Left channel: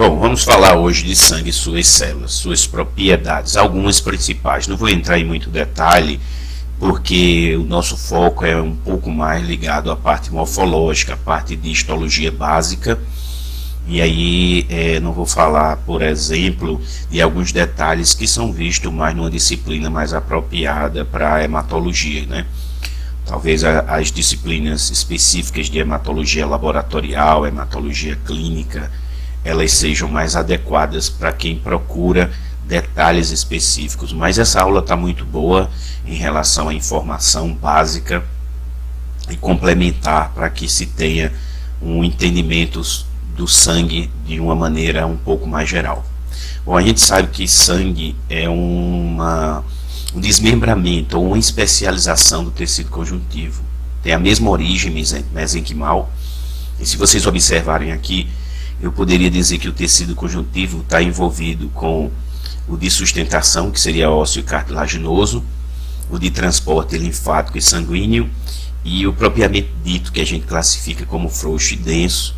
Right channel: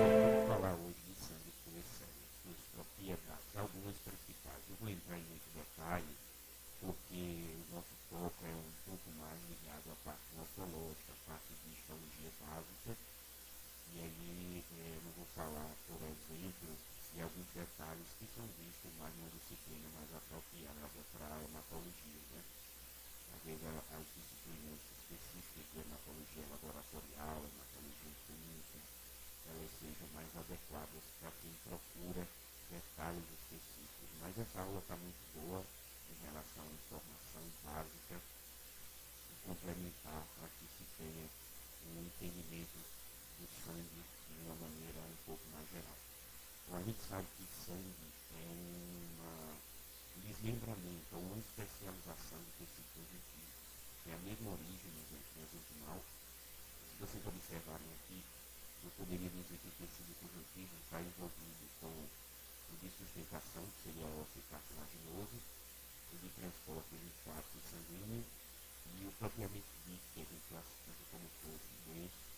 Bom, vamos falar hoje de sangue e suas células, suas propriedades, algumas principais. Não vou entrar em muito detalhe, porque o nosso foco é um pouco mais ligado à parte morfológica, à parte de histologia básica. E aí não vou falar, por exemplo, de alguns detalhes que são vistos mais numa disciplina mais apropriada para a hematologia, né? Talvez as disciplinas específicas de hematologia laboratorial, hematologia clínica, elas sejam mais adequadas para quem procura detalhes específicos. Mas essa aula está muito boa em relação à informação básica e complementar para que se tenha um entendimento do sangue de uma maneira um pouco mais geral. Bom, a gente sabe que sangue é um desmembramento ou uma especialização do tecido conjuntivo. Tem a mesma origem mesenquimal, e se vocês observarem aqui, eu poderia dizer que o tecido conjuntivo está envolvido com o de sustentação, que seria ósseo e cartilaginoso, o de transporte linfático e sanguíneo, e o propriamente dito, que a gente classifica como frouxo e denso,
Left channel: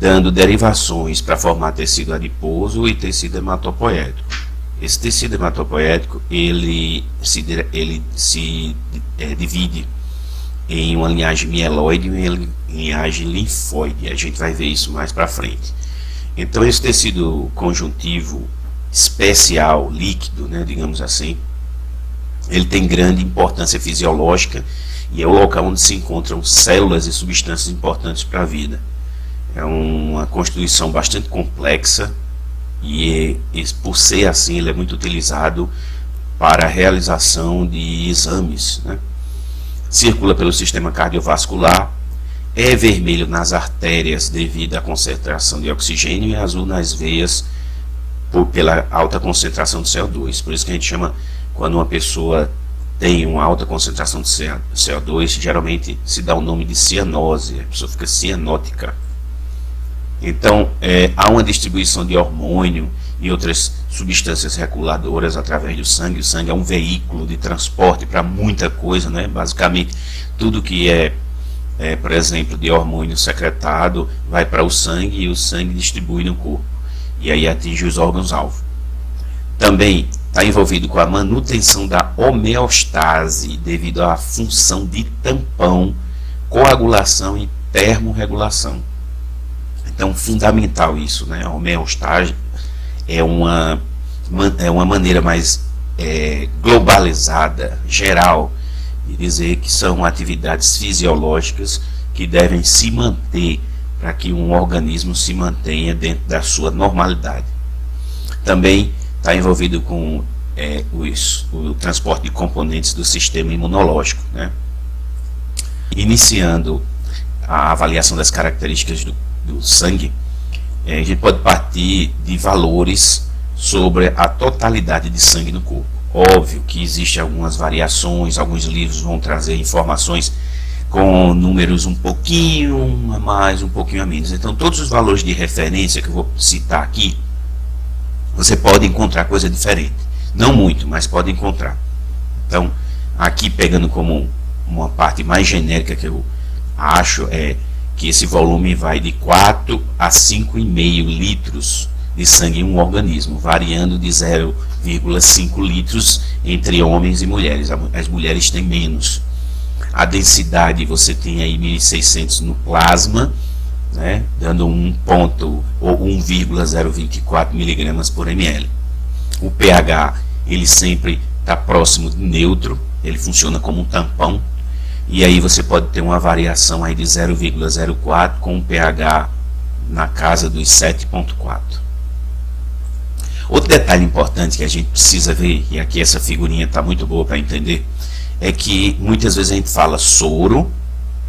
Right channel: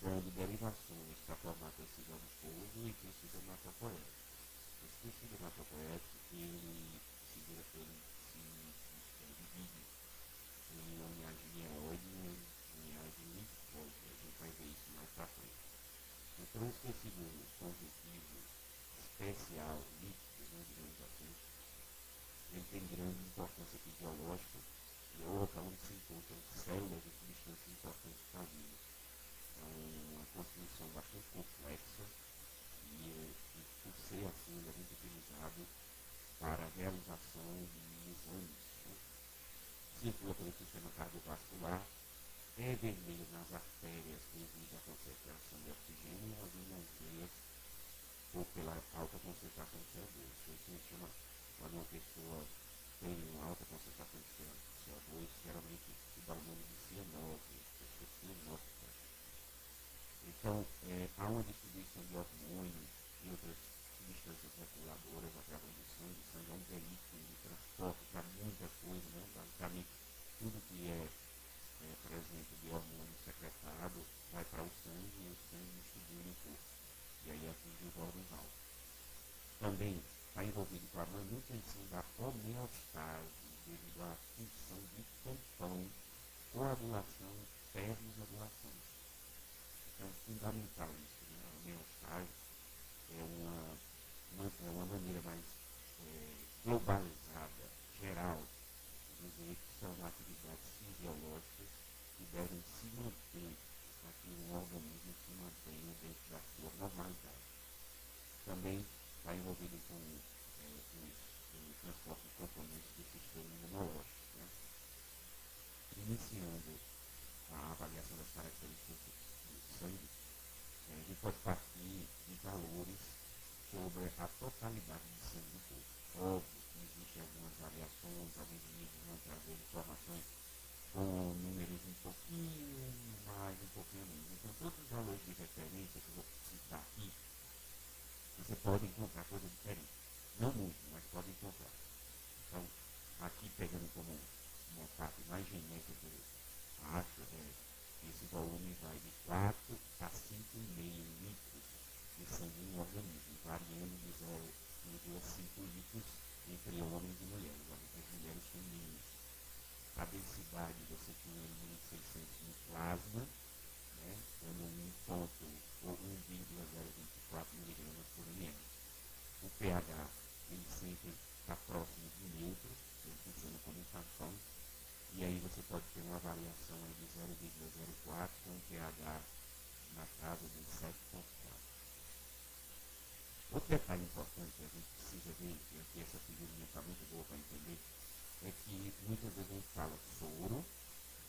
dando derivações para formar tecido adiposo e tecido hematopoético. Esse tecido hematopoético ele se divide em uma linhagem mieloide e uma linhagem linfóide. A gente vai ver isso mais para frente. Então esse tecido conjuntivo especial, líquido, né, digamos assim, ele tem grande importância fisiológica e é o local onde se encontram células e substâncias importantes para a vida. É uma constituição bastante complexa e por ser assim, ele é muito utilizado para a realização de exames, né? Circula pelo sistema cardiovascular, é vermelho nas artérias devido à concentração de oxigênio e azul nas veias pela alta concentração de CO2. Por isso que a gente chama, quando uma pessoa tem uma alta concentração de CO2, geralmente se dá o nome de cianose, a pessoa fica cianótica. Então, há uma distribuição de hormônio e outras substâncias reguladoras através do sangue. O sangue é um veículo de transporte para muita coisa, né? Basicamente, tudo que por exemplo, de hormônio secretado vai para o sangue e o sangue distribui no corpo. E aí atinge os órgãos-alvo. Também está envolvido com a manutenção da homeostase, devido à função de tampão, coagulação e termorregulação. Então, fundamental isso, né? A homeostase é uma maneira mais globalizada, geral, de dizer que são atividades fisiológicas que devem se manter para que um organismo se mantenha dentro da sua normalidade. Também está envolvido com o transporte de componentes do sistema imunológico, né? Iniciando a avaliação das características do sangue, a gente pode partir de valores sobre a totalidade de sangue no corpo. Óbvio que existem algumas variações, alguns livros vão trazer informações com números um pouquinho a mais, um pouquinho a menos. Então todos os valores de referência que eu vou citar aqui, você pode encontrar coisa diferente. Não muito, mas pode encontrar. Então, aqui pegando como uma parte mais genérica que eu acho que esse volume vai de 4 a 5,5 litros de sangue em um organismo, variando de 0,5 litros entre homens e mulheres. As mulheres têm menos. A densidade você tem aí 1.600 no plasma, né, dando 1,024 miligramas por ml. O pH ele sempre está próximo de neutro, ele funciona como um tampão. E aí você pode ter uma variação aí de 0,04 com um pH na casa dos 7,4. Outro detalhe importante que a gente precisa ver, e aqui essa figurinha está muito boa para entender, é que muitas vezes a gente fala soro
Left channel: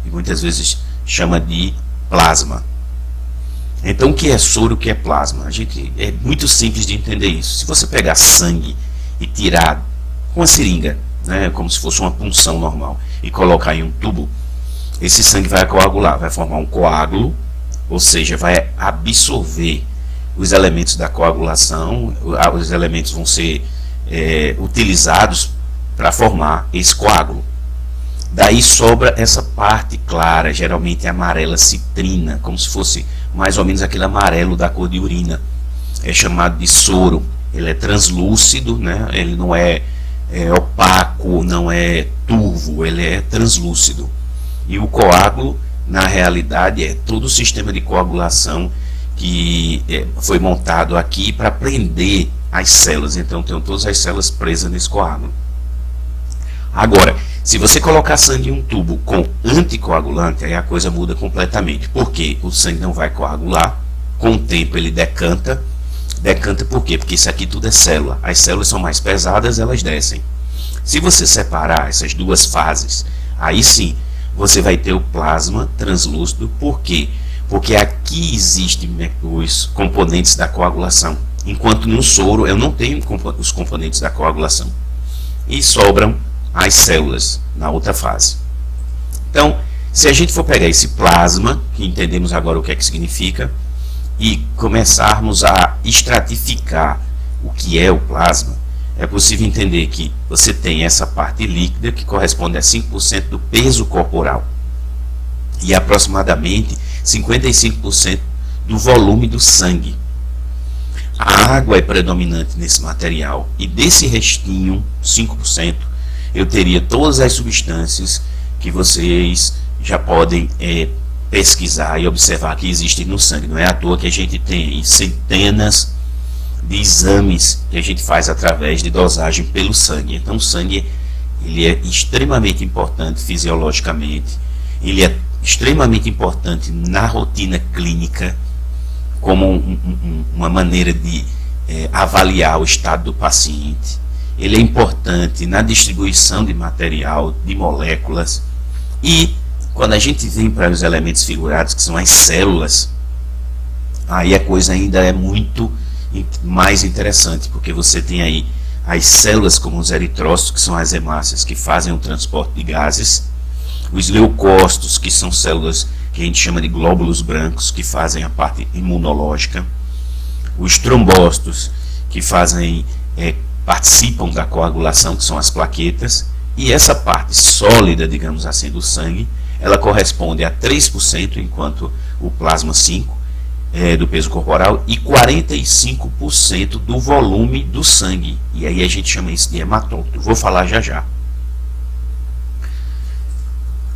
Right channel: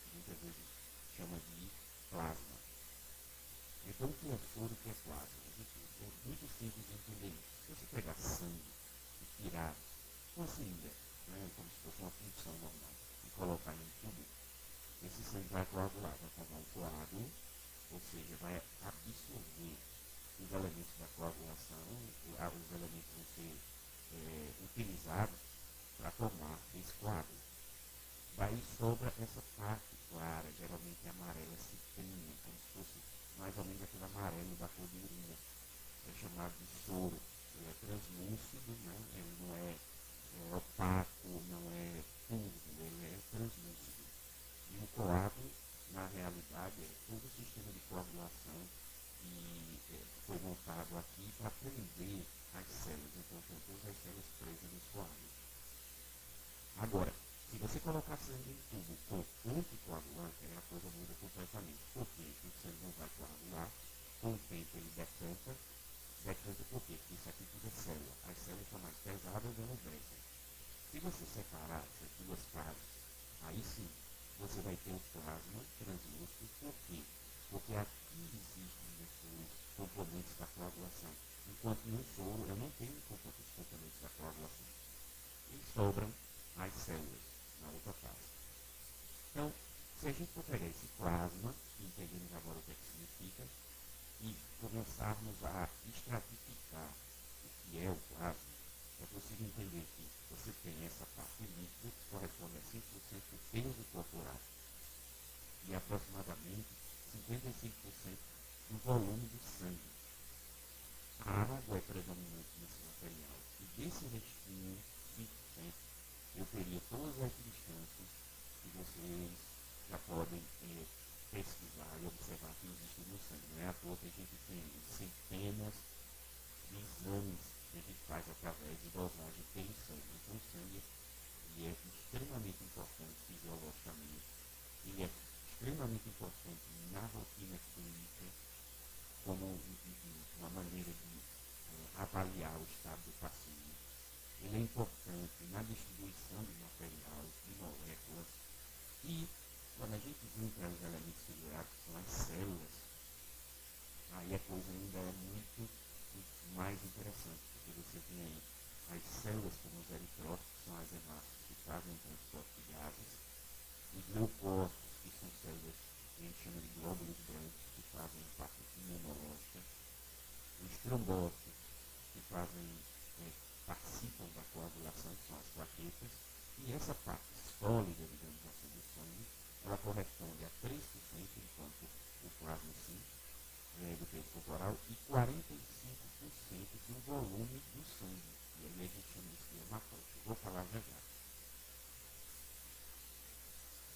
e muitas vezes chama de plasma. Então o que é soro, o que é plasma? É muito simples de entender isso. Se você pegar sangue e tirar com uma seringa, né, como se fosse uma punção normal, e colocar em um tubo, esse sangue vai coagular, vai formar um coágulo, ou seja, vai absorver os elementos da coagulação, os elementos vão ser utilizados para formar esse coágulo. Daí sobra essa parte clara, geralmente amarela citrina, como se fosse mais ou menos aquele amarelo da cor de urina, é chamado de soro. Ele é translúcido, né? Ele não é, opaco, não é turvo, ele é translúcido. E o coágulo, na realidade, é todo o sistema de coagulação que foi montado aqui para prender as células. Então tem todas as células presas nesse coágulo. Agora, se você colocar sangue em um tubo com anticoagulante, aí a coisa muda completamente. Porque o sangue não vai coagular, com o tempo ele decanta. Decanta por quê? Porque isso aqui tudo é célula. As células são mais pesadas, elas descem. Se você separar essas duas fases, aí sim, você vai ter o plasma translúcido. Por quê? Porque aqui existem os componentes da coagulação. Enquanto no soro eu não tenho os componentes da coagulação. E sobram as células na outra fase. Então, se a gente for pegar esse plasma, que entendemos agora o que é que significa, e começarmos a estratificar o que é o plasma, é possível entender que você tem essa parte líquida, que corresponde a 5% do peso corporal, e aproximadamente 55% do volume do sangue. A água é predominante nesse material, e desse restinho, 5%, eu teria todas as substâncias que vocês já podem pesquisar e observar que existem no sangue. Não é à toa que a gente tem centenas de exames que a gente faz através de dosagem pelo sangue. Então o sangue ele é extremamente importante fisiologicamente, ele é extremamente importante na rotina clínica, como uma maneira de avaliar o estado do paciente. Ele é importante na distribuição de material, de moléculas. E quando a gente vem para os elementos figurados, que são as células, aí a coisa ainda é muito mais interessante, porque você tem aí as células como os eritrócitos, que são as hemácias que fazem o transporte de gases, os leucócitos, que são células que a gente chama de glóbulos brancos, que fazem a parte imunológica, os trombócitos, que fazem participam da coagulação, que são as plaquetas, e essa parte sólida, digamos assim, do sangue, ela corresponde a 3%, enquanto o plasma 5% do peso corporal, e 45% do volume do sangue. E aí a gente chama isso de hematócrito. Vou falar já já.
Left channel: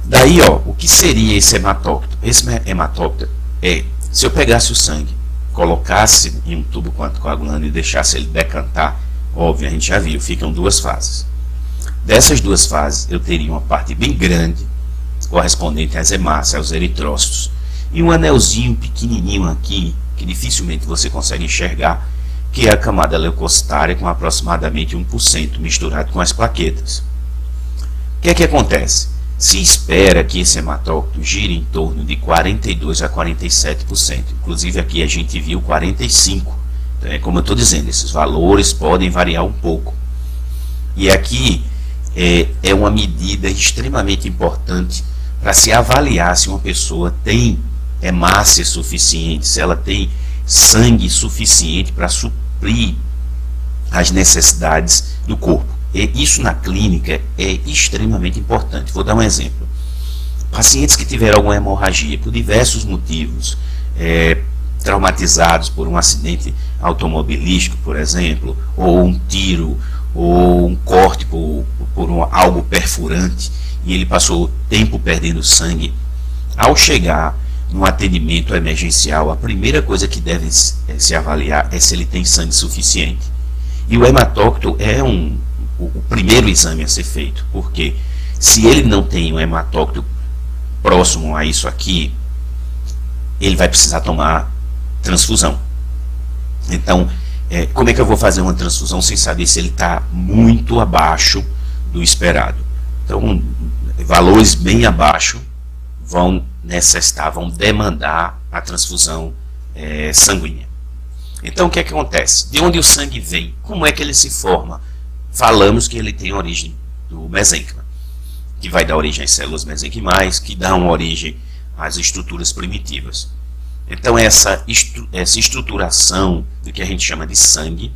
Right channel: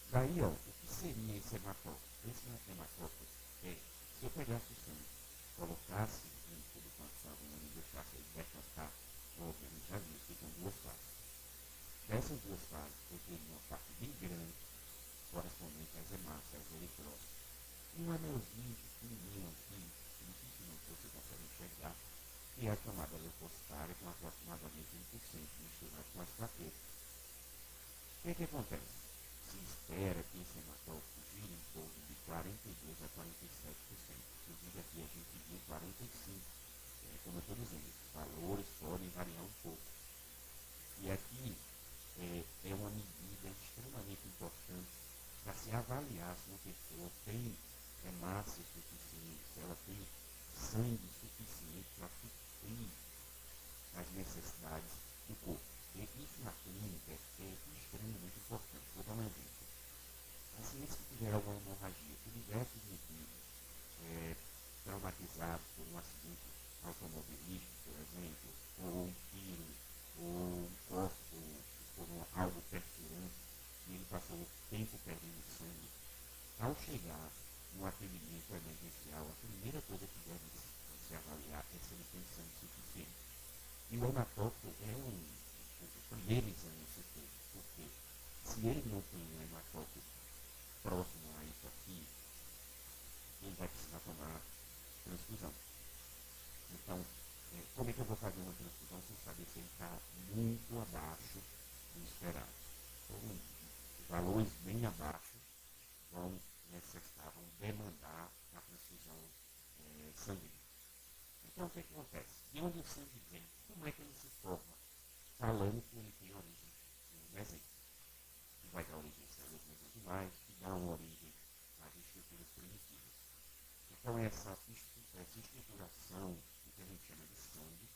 Daí, o que seria esse hematócrito? Esse hematócrito se eu pegasse o sangue, colocasse em um tubo coagulando e deixasse ele decantar, óbvio, a gente já viu, ficam duas fases. Dessas duas fases, eu teria uma parte bem grande, correspondente às hemácias, aos eritrócitos, e um anelzinho pequenininho aqui, que dificilmente você consegue enxergar, que é a camada leucocitária, com aproximadamente 1% misturado com as plaquetas. O que é que acontece? Se espera que esse hematócrito gire em torno de 42% a 47%. Inclusive aqui a gente viu 45%. Então, como eu estou dizendo, esses valores podem variar um pouco. E aqui é uma medida extremamente importante para se avaliar se uma pessoa tem hemácia suficiente, se ela tem sangue suficiente para suprir as necessidades do corpo. E isso na clínica é extremamente importante. Vou dar um exemplo. Pacientes que tiveram alguma hemorragia por diversos motivos, traumatizados por um acidente automobilístico, por exemplo, ou um tiro, ou um corte por algo perfurante, e ele passou tempo perdendo sangue, ao chegar no atendimento emergencial, a primeira coisa que deve se avaliar é se ele tem sangue suficiente. E o hematócrito é o primeiro exame a ser feito, porque se ele não tem um hematócrito próximo a isso aqui, ele vai precisar tomar transfusão. Então, como é que eu vou fazer uma transfusão sem saber se ele está muito abaixo do esperado? Então, valores bem abaixo vão necessitar, vão demandar a transfusão sanguínea. Então, o que é que acontece? De onde o sangue vem? Como é que ele se forma? Falamos que ele tem origem do mesênquima, que vai dar origem às células mesenquimais, que dão origem às estruturas primitivas. Então essa estruturação do que a gente chama de sangue,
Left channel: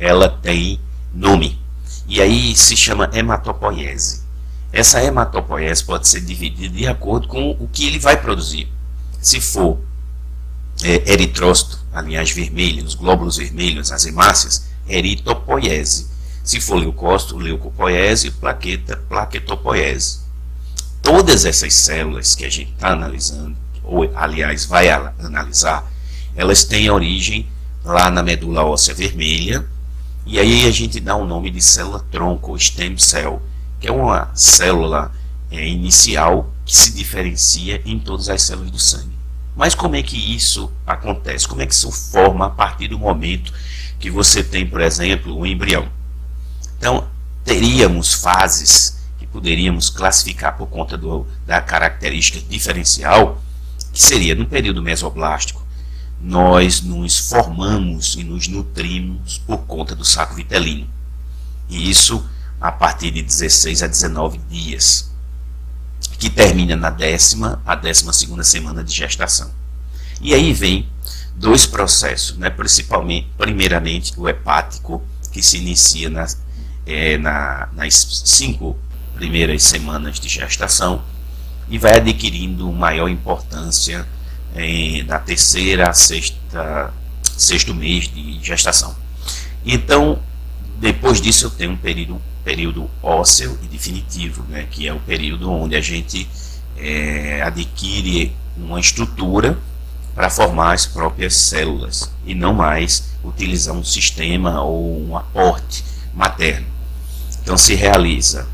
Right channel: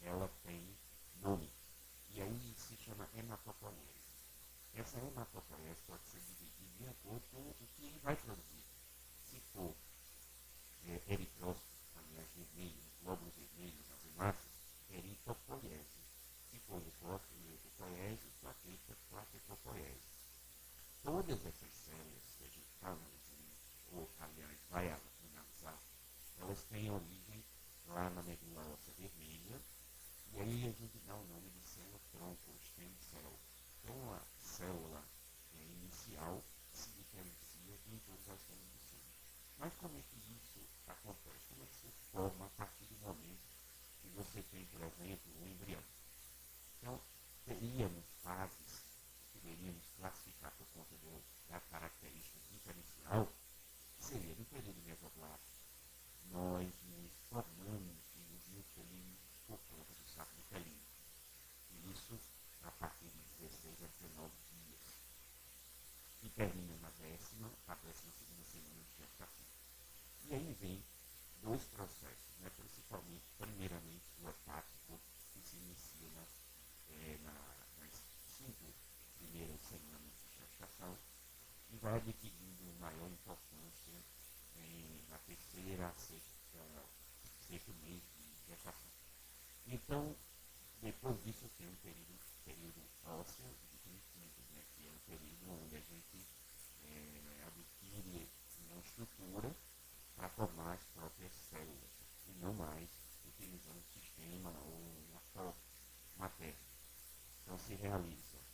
ela tem nome, e aí se chama hematopoiese. Essa hematopoiese pode ser dividida de acordo com o que ele vai produzir. Se for Eritrócito, a linhagem vermelha, os glóbulos vermelhos, as hemácias, eritopoiese. Se for leucócito, leucopoiese, plaqueta, plaquetopoiese. Todas essas células que a gente está analisando, ou aliás vai analisar, elas têm origem lá na medula óssea vermelha, e aí a gente dá o nome de célula-tronco, ou stem cell, que é uma célula inicial que se diferencia em todas as células do sangue. Mas como é que isso acontece? Como é que isso forma a partir do momento que você tem, por exemplo, um embrião? Então, teríamos fases que poderíamos classificar por conta da característica diferencial, que seria no período mesoblástico, nós nos formamos e nos nutrimos por conta do saco vitelino. E isso a partir de 16 a 19 dias, que termina na 10ª a 12ª semana de gestação. E aí vem dois processos, né? Primeiramente o hepático, que se inicia nas 5 primeiras semanas de gestação e vai adquirindo maior importância na 3ª a 6º mês de gestação. Então, depois disso eu tenho um período ósseo e definitivo, né, que é o período onde a gente adquire uma estrutura para formar as próprias células e não mais utilizar um sistema ou um aporte materno. Então se realiza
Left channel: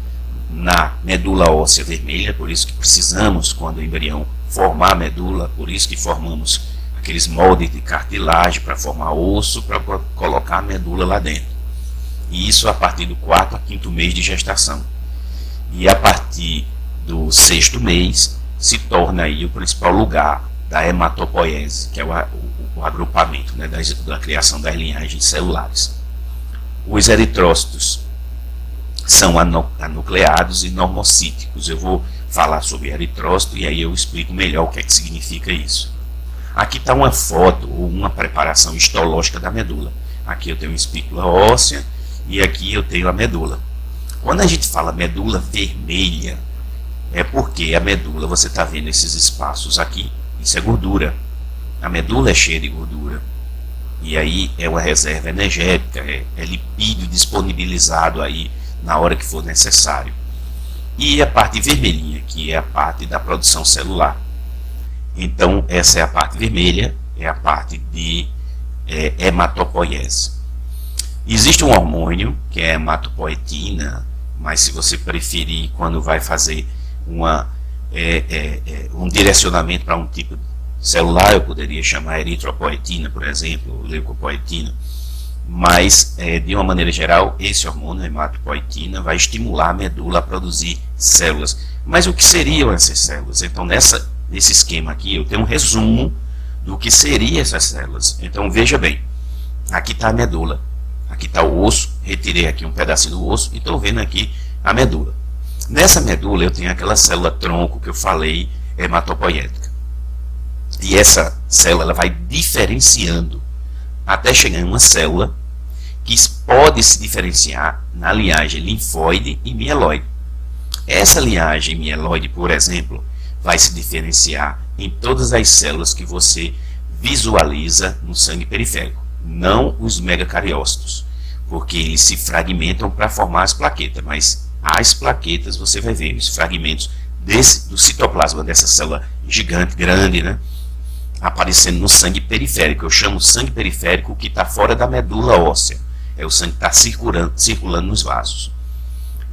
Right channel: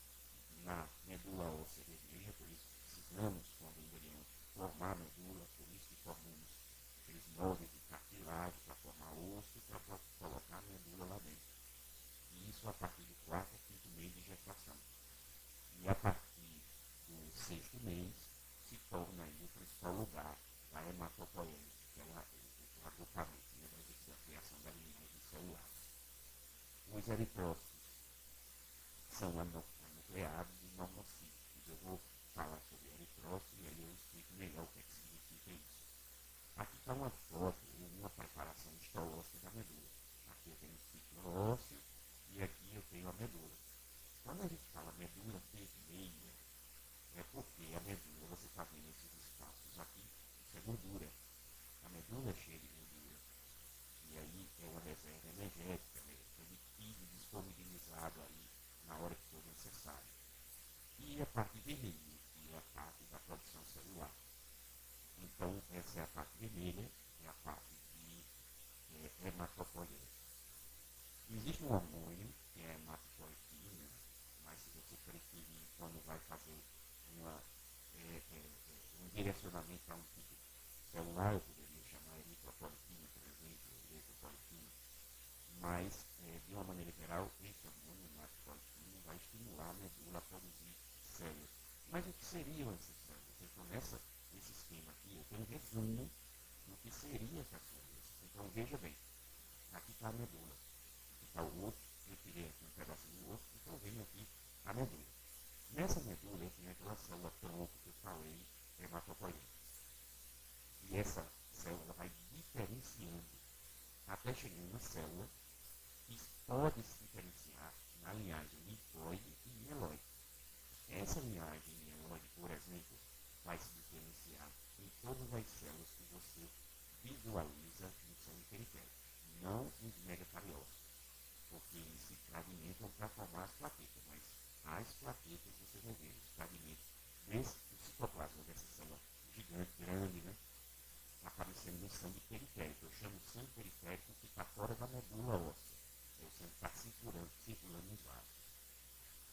na medula óssea vermelha, por isso que precisamos, quando o embrião formar a medula, por isso que formamos aqueles moldes de cartilagem para formar osso, para colocar a medula lá dentro. E isso a partir do 4º a 5º mês de gestação. E a partir do 6º mês se torna aí o principal lugar da hematopoiese, que é o agrupamento, né, da criação das linhagens celulares. Os eritrócitos são anucleados e normocíticos. Eu vou falar sobre eritrócito e aí eu explico melhor o que é que significa isso. Aqui está uma foto ou uma preparação histológica da medula. Aqui eu tenho uma espícula óssea e aqui eu tenho a medula. Quando a gente fala medula vermelha, é porque a medula, você está vendo esses espaços aqui, isso é gordura. A medula é cheia de gordura. E aí é uma reserva energética, é lipídio disponibilizado aí na hora que for necessário. E a parte vermelhinha, que é a parte da produção celular. Então, essa é a parte vermelha, é a parte de hematopoiese. Existe um hormônio, que é a hematopoietina, mas se você preferir, quando vai fazer um direcionamento para um tipo celular, eu poderia chamar eritropoietina, por exemplo, leucopoietina. Mas, de uma maneira geral, esse hormônio, hematopoietina, vai estimular a medula a produzir células. Mas o que seriam essas células? Então, nesse esquema aqui, eu tenho um resumo do que seriam essas células. Então, veja bem, aqui está a medula, aqui está o osso, retirei aqui um pedacinho do osso e estou vendo aqui a medula. Nessa medula, eu tenho aquela célula-tronco que eu falei, hematopoiética. E essa célula ela vai diferenciando até chegar em uma célula que pode se diferenciar na linhagem linfóide e mieloide. Essa linhagem mieloide, por exemplo, vai se diferenciar em todas as células que você visualiza no sangue periférico, não os megacariócitos, porque eles se fragmentam para formar as plaquetas, mas as plaquetas você vai ver os fragmentos do citoplasma dessa célula gigante, grande, né? Aparecendo no sangue periférico. Eu chamo sangue periférico que está fora da medula óssea. É o sangue que está circulando nos vasos.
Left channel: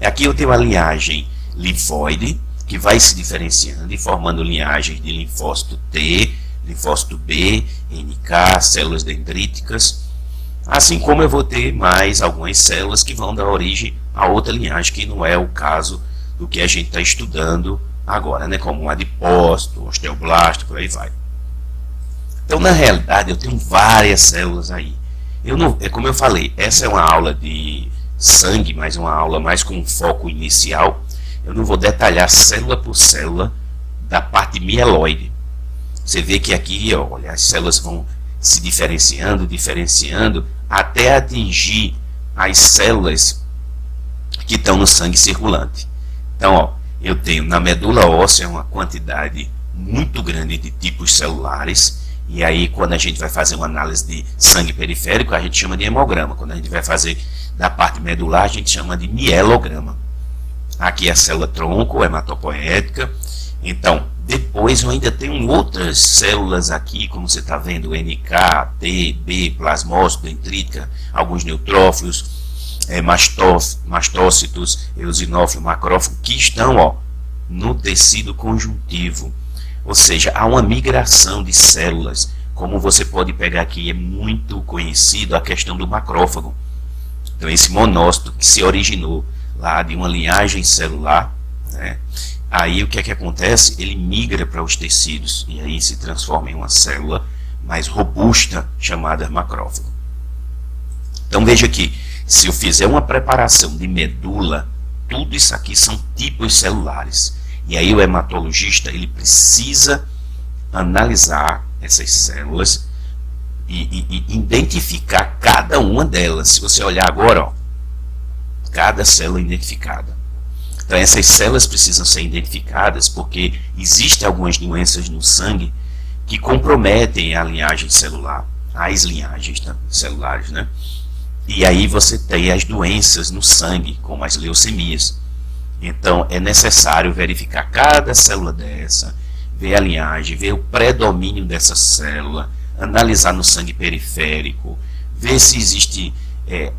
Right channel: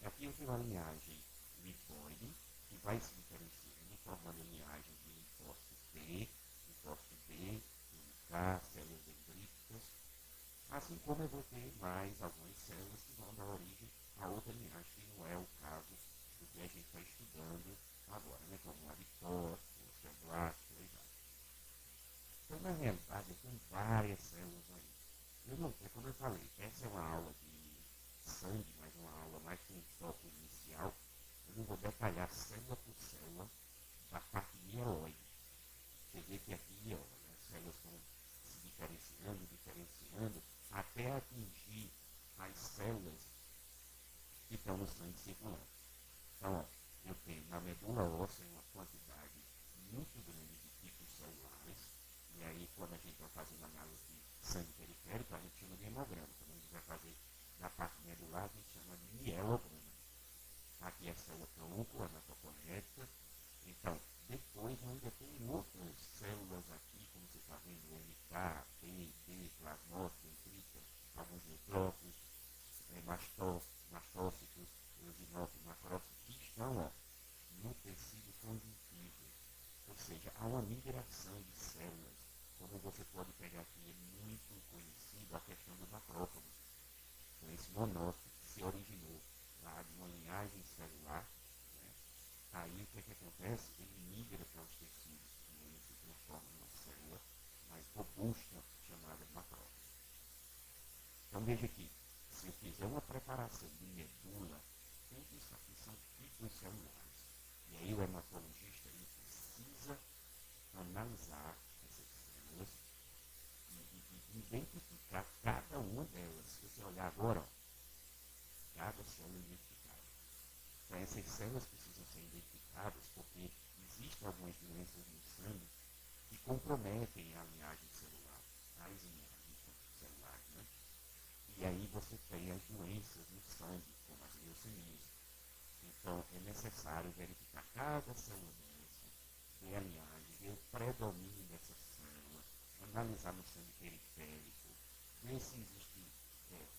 Aqui eu tenho a linhagem linfóide, que vai se diferenciando e formando linhagens de linfócito T, linfócito B, NK, células dendríticas. Assim como eu vou ter mais algumas células que vão dar origem a outra linhagem, que não é o caso do que a gente está estudando agora, né? Como um adipócito, osteoblasto, por aí vai. Então, na realidade, eu tenho várias células aí. Como eu falei, essa é uma aula de sangue, mas uma aula mais com um foco inicial. Eu não vou detalhar célula por célula da parte mieloide. Você vê que aqui, olha, as células vão se diferenciando, até atingir as células que estão no sangue circulante. Então, ó, eu tenho na medula óssea uma quantidade muito grande de tipos celulares. E aí, quando a gente vai fazer uma análise de sangue periférico, a gente chama de hemograma. Quando a gente vai fazer da parte medular, a gente chama de mielograma. Aqui é a célula-tronco, hematopoética. Então, depois eu ainda tenho outras células aqui, como você está vendo, NK, T, B, plasmócito, dendrítica, alguns neutrófilos, mastócitos, eosinófilo, macrófago, que estão no tecido conjuntivo. Ou seja, há uma migração de células. Como você pode pegar aqui, é muito conhecido a questão do macrófago. Então, esse monócito que se originou lá de uma linhagem celular, né? Aí o que é que acontece? Ele migra para os tecidos e aí se transforma em uma célula mais robusta chamada macrófago. Então veja aqui, se eu fizer uma preparação de medula, tudo isso aqui são tipos celulares. E aí o hematologista ele precisa analisar essas células e identificar cada uma delas. Se você olhar agora, cada célula identificada. Então essas células precisam ser identificadas porque existem algumas doenças no sangue que comprometem a linhagem celular, as linhagens celulares, né? E aí você tem as doenças no sangue, como as leucemias. Então é necessário verificar cada célula dessa, ver a linhagem, ver o predomínio dessa célula, analisar no sangue periférico, ver se existem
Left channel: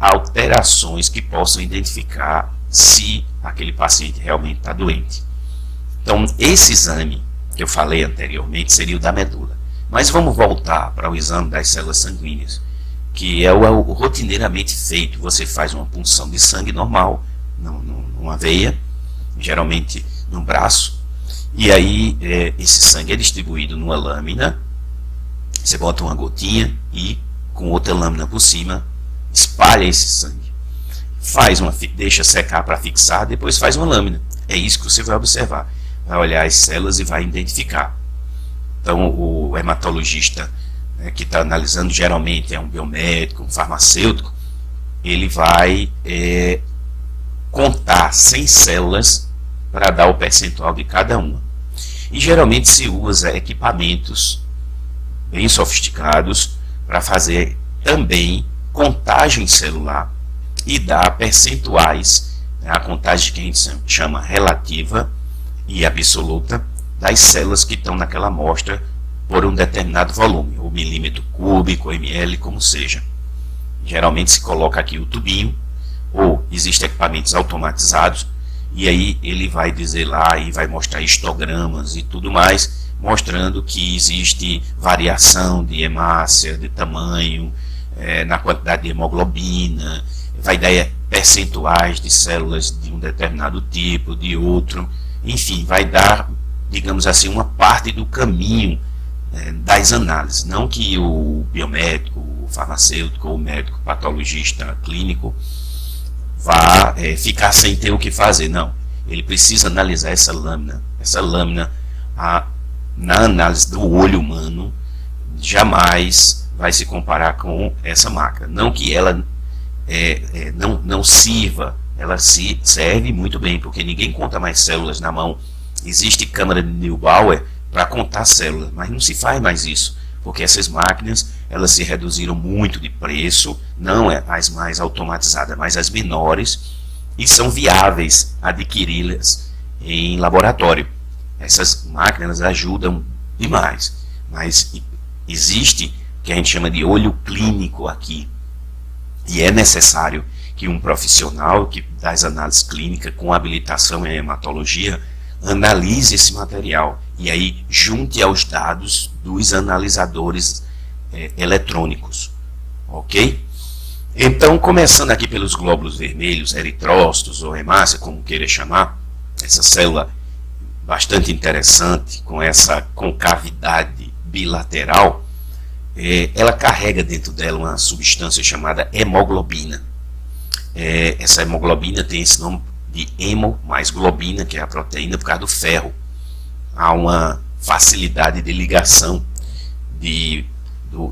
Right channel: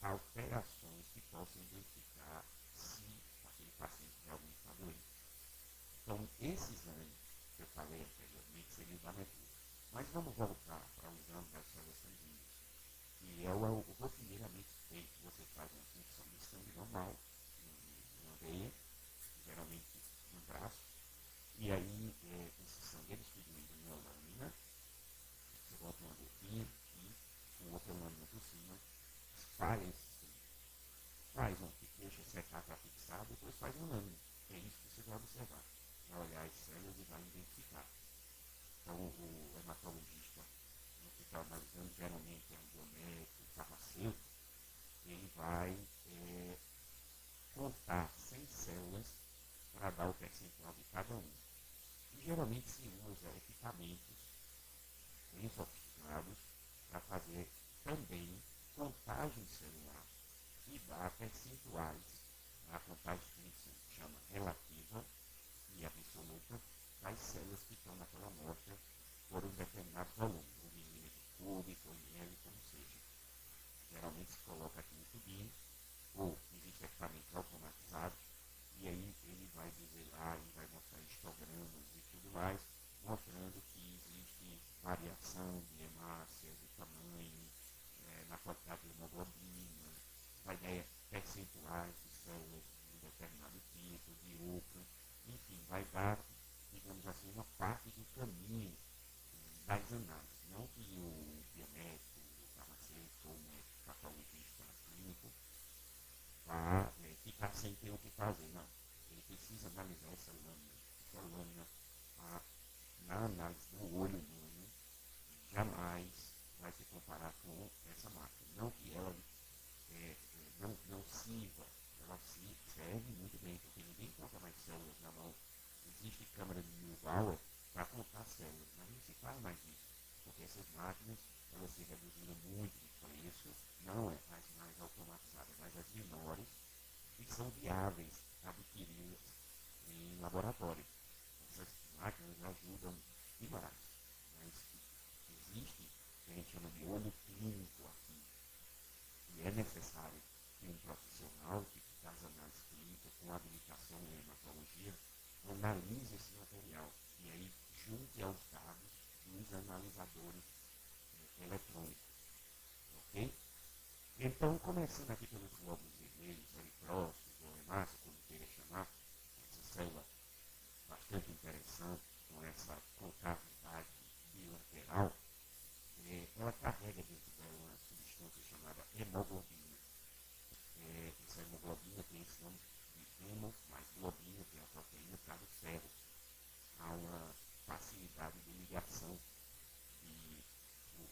alterações que possam identificar se aquele paciente realmente está doente. Então, esse exame que eu falei anteriormente seria o da medula. Mas vamos voltar para o exame das células sanguíneas, que é o rotineiramente feito. Você faz uma punção de sangue normal, numa veia, geralmente no braço, e aí esse sangue é distribuído numa lâmina, você bota uma gotinha e com outra lâmina por cima, espalha esse sangue. Deixa secar para fixar, depois faz uma lâmina. É isso que você vai observar. Vai olhar as células e vai identificar. Então o hematologista, né, que está analisando, geralmente é um biomédico, um farmacêutico, ele vai contar 100 células para dar o percentual de cada uma. E geralmente se usa equipamentos bem sofisticados para fazer também contagem celular e dar percentuais, né, a contagem que a gente chama relativa e absoluta das células que estão naquela amostra por um determinado volume, ou milímetro cúbico, ou ml, como seja. Geralmente se coloca aqui o tubinho, ou existem equipamentos automatizados, e aí ele vai dizer lá e vai mostrar histogramas e tudo mais, mostrando que existe variação de hemácia, de tamanho, na quantidade de hemoglobina, vai dar percentuais de células de um determinado tipo, de outro, enfim, vai dar, digamos assim, uma parte do caminho das análises. Não que o biomédico, o farmacêutico, ou o médico patologista clínico vá ficar sem ter o que fazer, não. Ele precisa analisar essa lâmina. Essa lâmina, na análise do olho humano, jamais vai se comparar com essa máquina. Não que ela não sirva, ela serve muito bem, porque ninguém conta mais células na mão. Existe câmara de Neubauer para contar células, mas não se faz mais isso, porque essas máquinas elas se reduziram muito de preço, não as mais automatizadas, mas as menores, e são viáveis adquiri-las em laboratório. Essas máquinas ajudam demais, mas existe o que a gente chama de olho clínico aqui, e é necessário que um profissional que das análises clínicas com habilitação em hematologia analise esse material e aí junte aos dados dos analisadores eletrônicos, ok? Então, começando aqui pelos glóbulos vermelhos, eritrócitos ou hemácia, como queira chamar, essa célula bastante interessante, com essa concavidade bilateral, ela carrega dentro dela uma substância chamada hemoglobina. Essa hemoglobina tem esse nome de hemo mais globina, que é a proteína, por causa do ferro. Há uma facilidade de ligação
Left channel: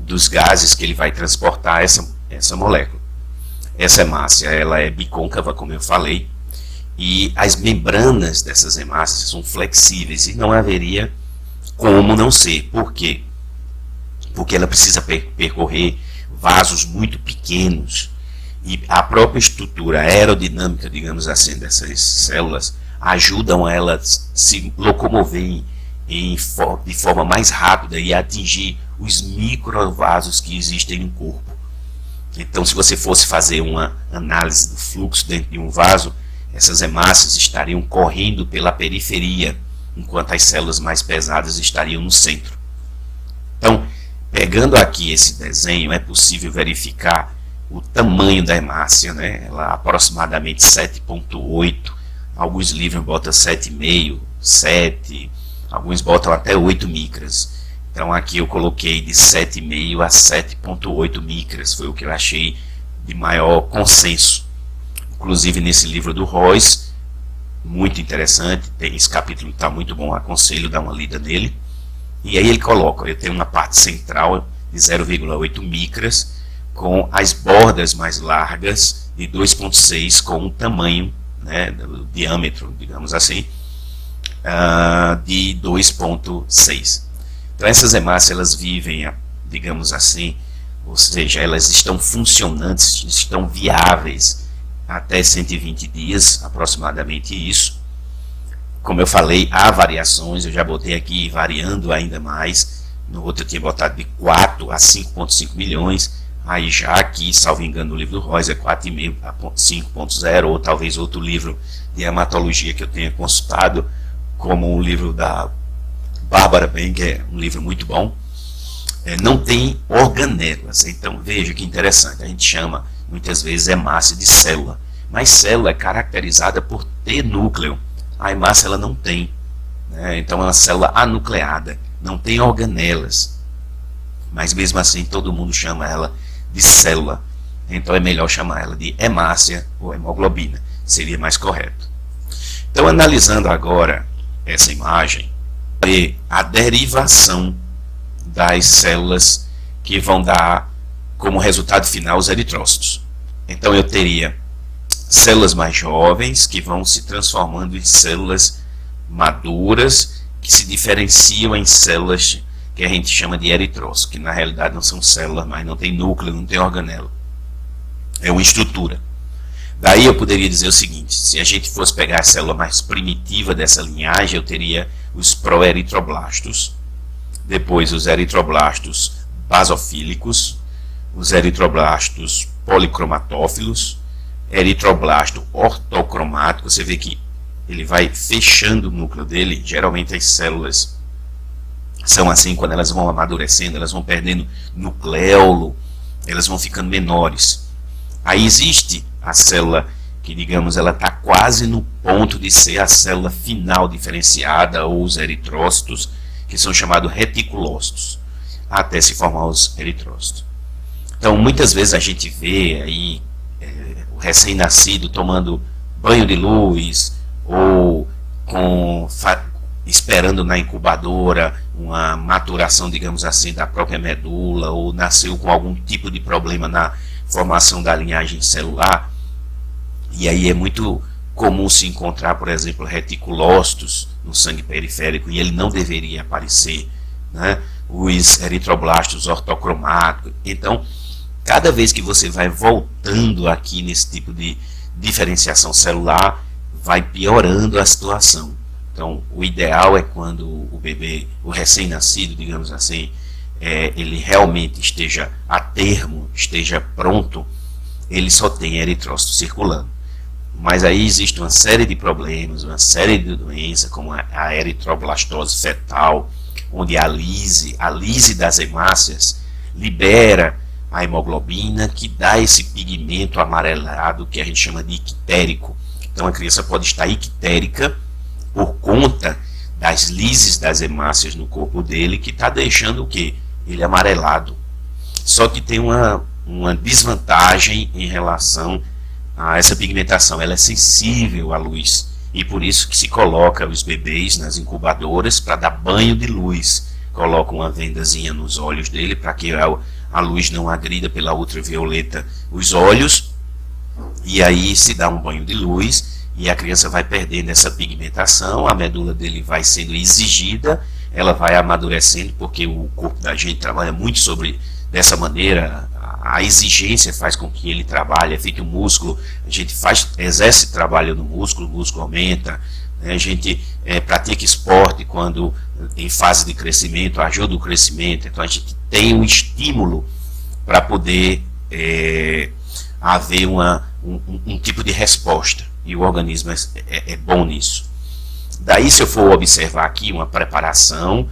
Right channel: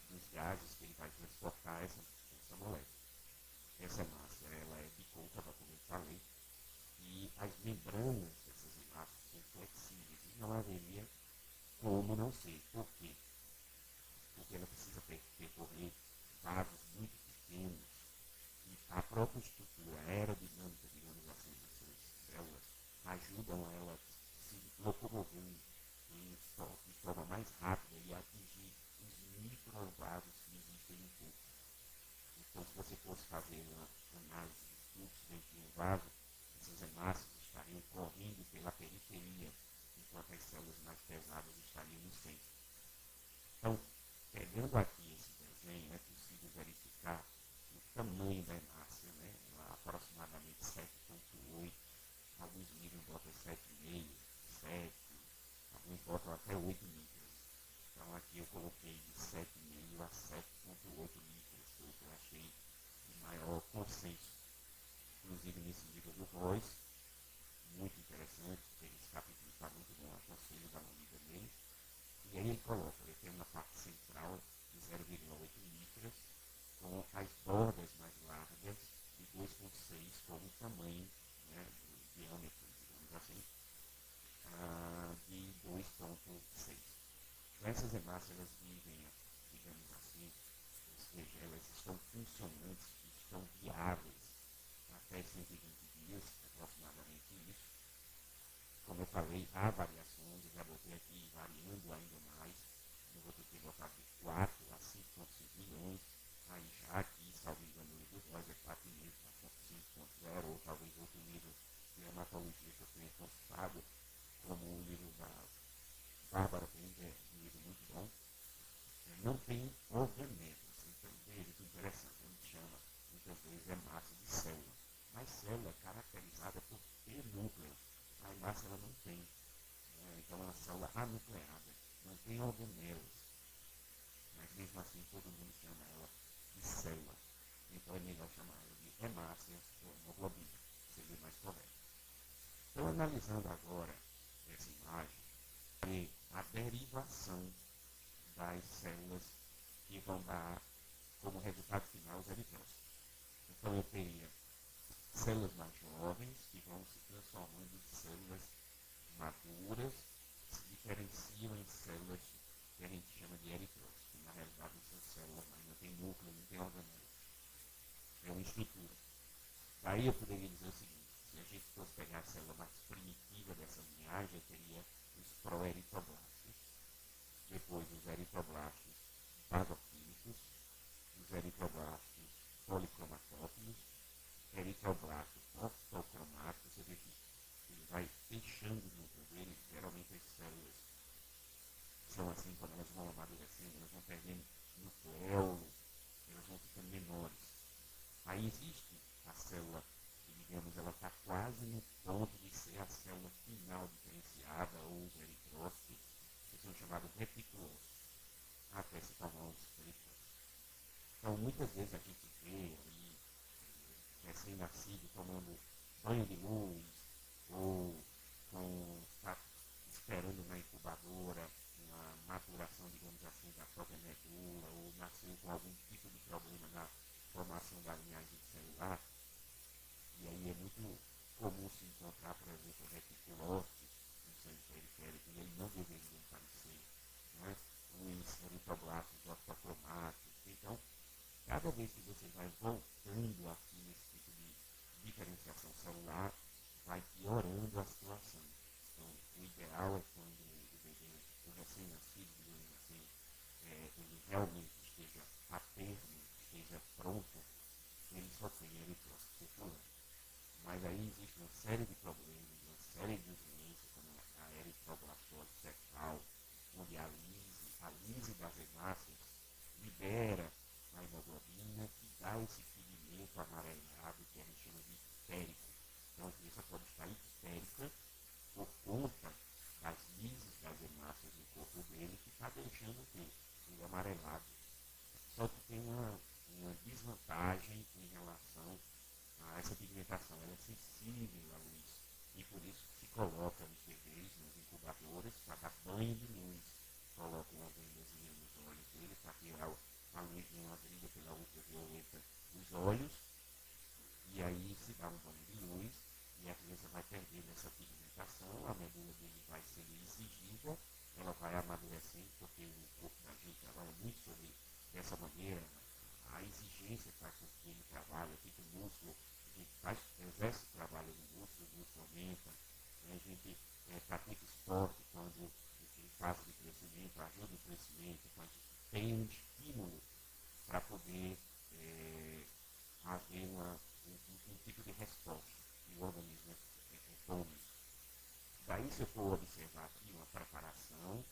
dos gases que ele vai transportar essa molécula. Essa hemácia ela é bicôncava, como eu falei, e as membranas dessas hemácias são flexíveis e não haveria como não ser. Por quê? porque ela precisa percorrer vasos muito pequenos, e a própria estrutura aerodinâmica, digamos assim, dessas células ajudam elas a se locomover de forma mais rápida e atingir os microvasos que existem no corpo. Então, se você fosse fazer uma análise do fluxo dentro de um vaso, essas hemácias estariam correndo pela periferia, enquanto as células mais pesadas estariam no centro. Então, pegando aqui esse desenho, é possível verificar o tamanho da hemácia, né? Ela é aproximadamente 7,8, alguns livros botam 7,5, 7, alguns botam até 8 micras. Então aqui eu coloquei de 7,5 a 7,8 micras, foi o que eu achei de maior consenso. Inclusive nesse livro do Royce, muito interessante, esse capítulo está muito bom, aconselho dar uma lida nele. E aí ele coloca, eu tenho uma parte central de 0,8 micras, com as bordas mais largas de 2,6, com um tamanho, né, o diâmetro, digamos assim, de 2,6. Então essas hemácias, elas vivem, digamos assim, ou seja, elas estão funcionantes, estão viáveis até 120 dias, aproximadamente isso. Como eu falei, há variações, eu já botei aqui variando ainda mais, no outro eu tinha botado de 4 a 5,5 milhões, aí já aqui, salvo engano, no livro do Royce é 4,5 a 5,0, ou talvez outro livro de hematologia que eu tenha consultado, como um livro da Bárbara Ben, que é um livro muito bom, não tem organelas. Então veja que interessante, a gente chama muitas vezes hemácia de célula, mas célula é caracterizada por ter núcleo, a hemácia ela não tem, né? Então é uma célula anucleada, não tem organelas, mas mesmo assim todo mundo chama ela de célula, então é melhor chamar ela de hemácia ou hemoglobina, seria mais correto. Então, analisando agora essa imagem, a derivação das células que vão dar como resultado final os eritrócitos. Então eu teria células mais jovens que vão se transformando em células maduras, que se diferenciam em células que a gente chama de eritrócitos, que na realidade não são células, mas não tem núcleo, não tem organelo, é uma estrutura. Daí eu poderia dizer o seguinte, se a gente fosse pegar a célula mais primitiva dessa linhagem, eu teria os proeritroblastos, depois os eritroblastos basofílicos, os eritroblastos policromatófilos, eritroblasto ortocromático. Você vê que ele vai fechando o núcleo dele. Geralmente as células são assim, quando elas vão amadurecendo, elas vão perdendo nucleolo, elas vão ficando menores. Aí existe a célula que, digamos, ela está quase no ponto de ser a célula final diferenciada, ou os eritrócitos, que são chamados reticulócitos, até se formar os eritrócitos. Então, muitas vezes a gente vê aí o recém-nascido tomando banho de luz, ou esperando na incubadora uma maturação, digamos assim, da própria medula, ou nasceu com algum tipo de problema na formação da linhagem celular. E aí é muito comum se encontrar, por exemplo, reticulócitos no sangue periférico, e ele não deveria aparecer, né? Os eritroblastos ortocromáticos. Então, cada vez que você vai voltando aqui nesse tipo de diferenciação celular, vai piorando a situação. Então, o ideal é quando o bebê, o recém-nascido, digamos assim, ele realmente esteja a termo, esteja pronto, ele só tem eritrócito circulando. Mas aí existe uma série de problemas, uma série de doenças, como a eritroblastose fetal, onde a lise das hemácias libera a hemoglobina, que dá esse pigmento amarelado que a gente chama de ictérico. Então a criança pode estar ictérica por conta das lises das hemácias no corpo dele, que está deixando o quê? Ele amarelado. Só que tem uma desvantagem em relação a essa pigmentação. Ela é sensível à luz, e por isso que se coloca os bebês nas incubadoras para dar banho de luz. Coloca uma vendazinha nos olhos dele para que a luz não agrida pela ultravioleta os olhos, e aí se dá um banho de luz e a criança vai perdendo essa pigmentação, a medula dele vai sendo exigida ela vai amadurecendo, porque o corpo da gente trabalha muito sobre dessa maneira. A exigência faz com que ele trabalhe, é feito um músculo, a gente exerce trabalho no músculo, o músculo aumenta, né? A gente pratica esporte quando em fase de crescimento, ajuda o crescimento, então a gente tem um estímulo para poder haver um tipo de resposta, e o organismo é bom nisso. Daí, se eu for observar aqui uma preparação,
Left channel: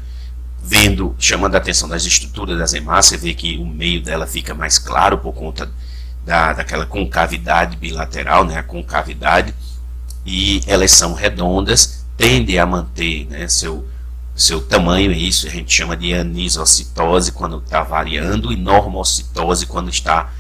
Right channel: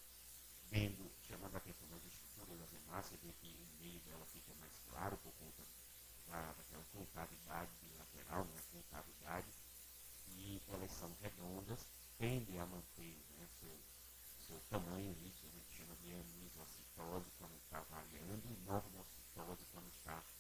chamando a atenção das estruturas das hemácias, você vê que o meio dela fica mais claro por conta daquela concavidade bilateral, né, a concavidade, e elas são redondas, tendem a manter, né, seu tamanho, isso a gente chama de anisocitose quando está variando, e normocitose quando está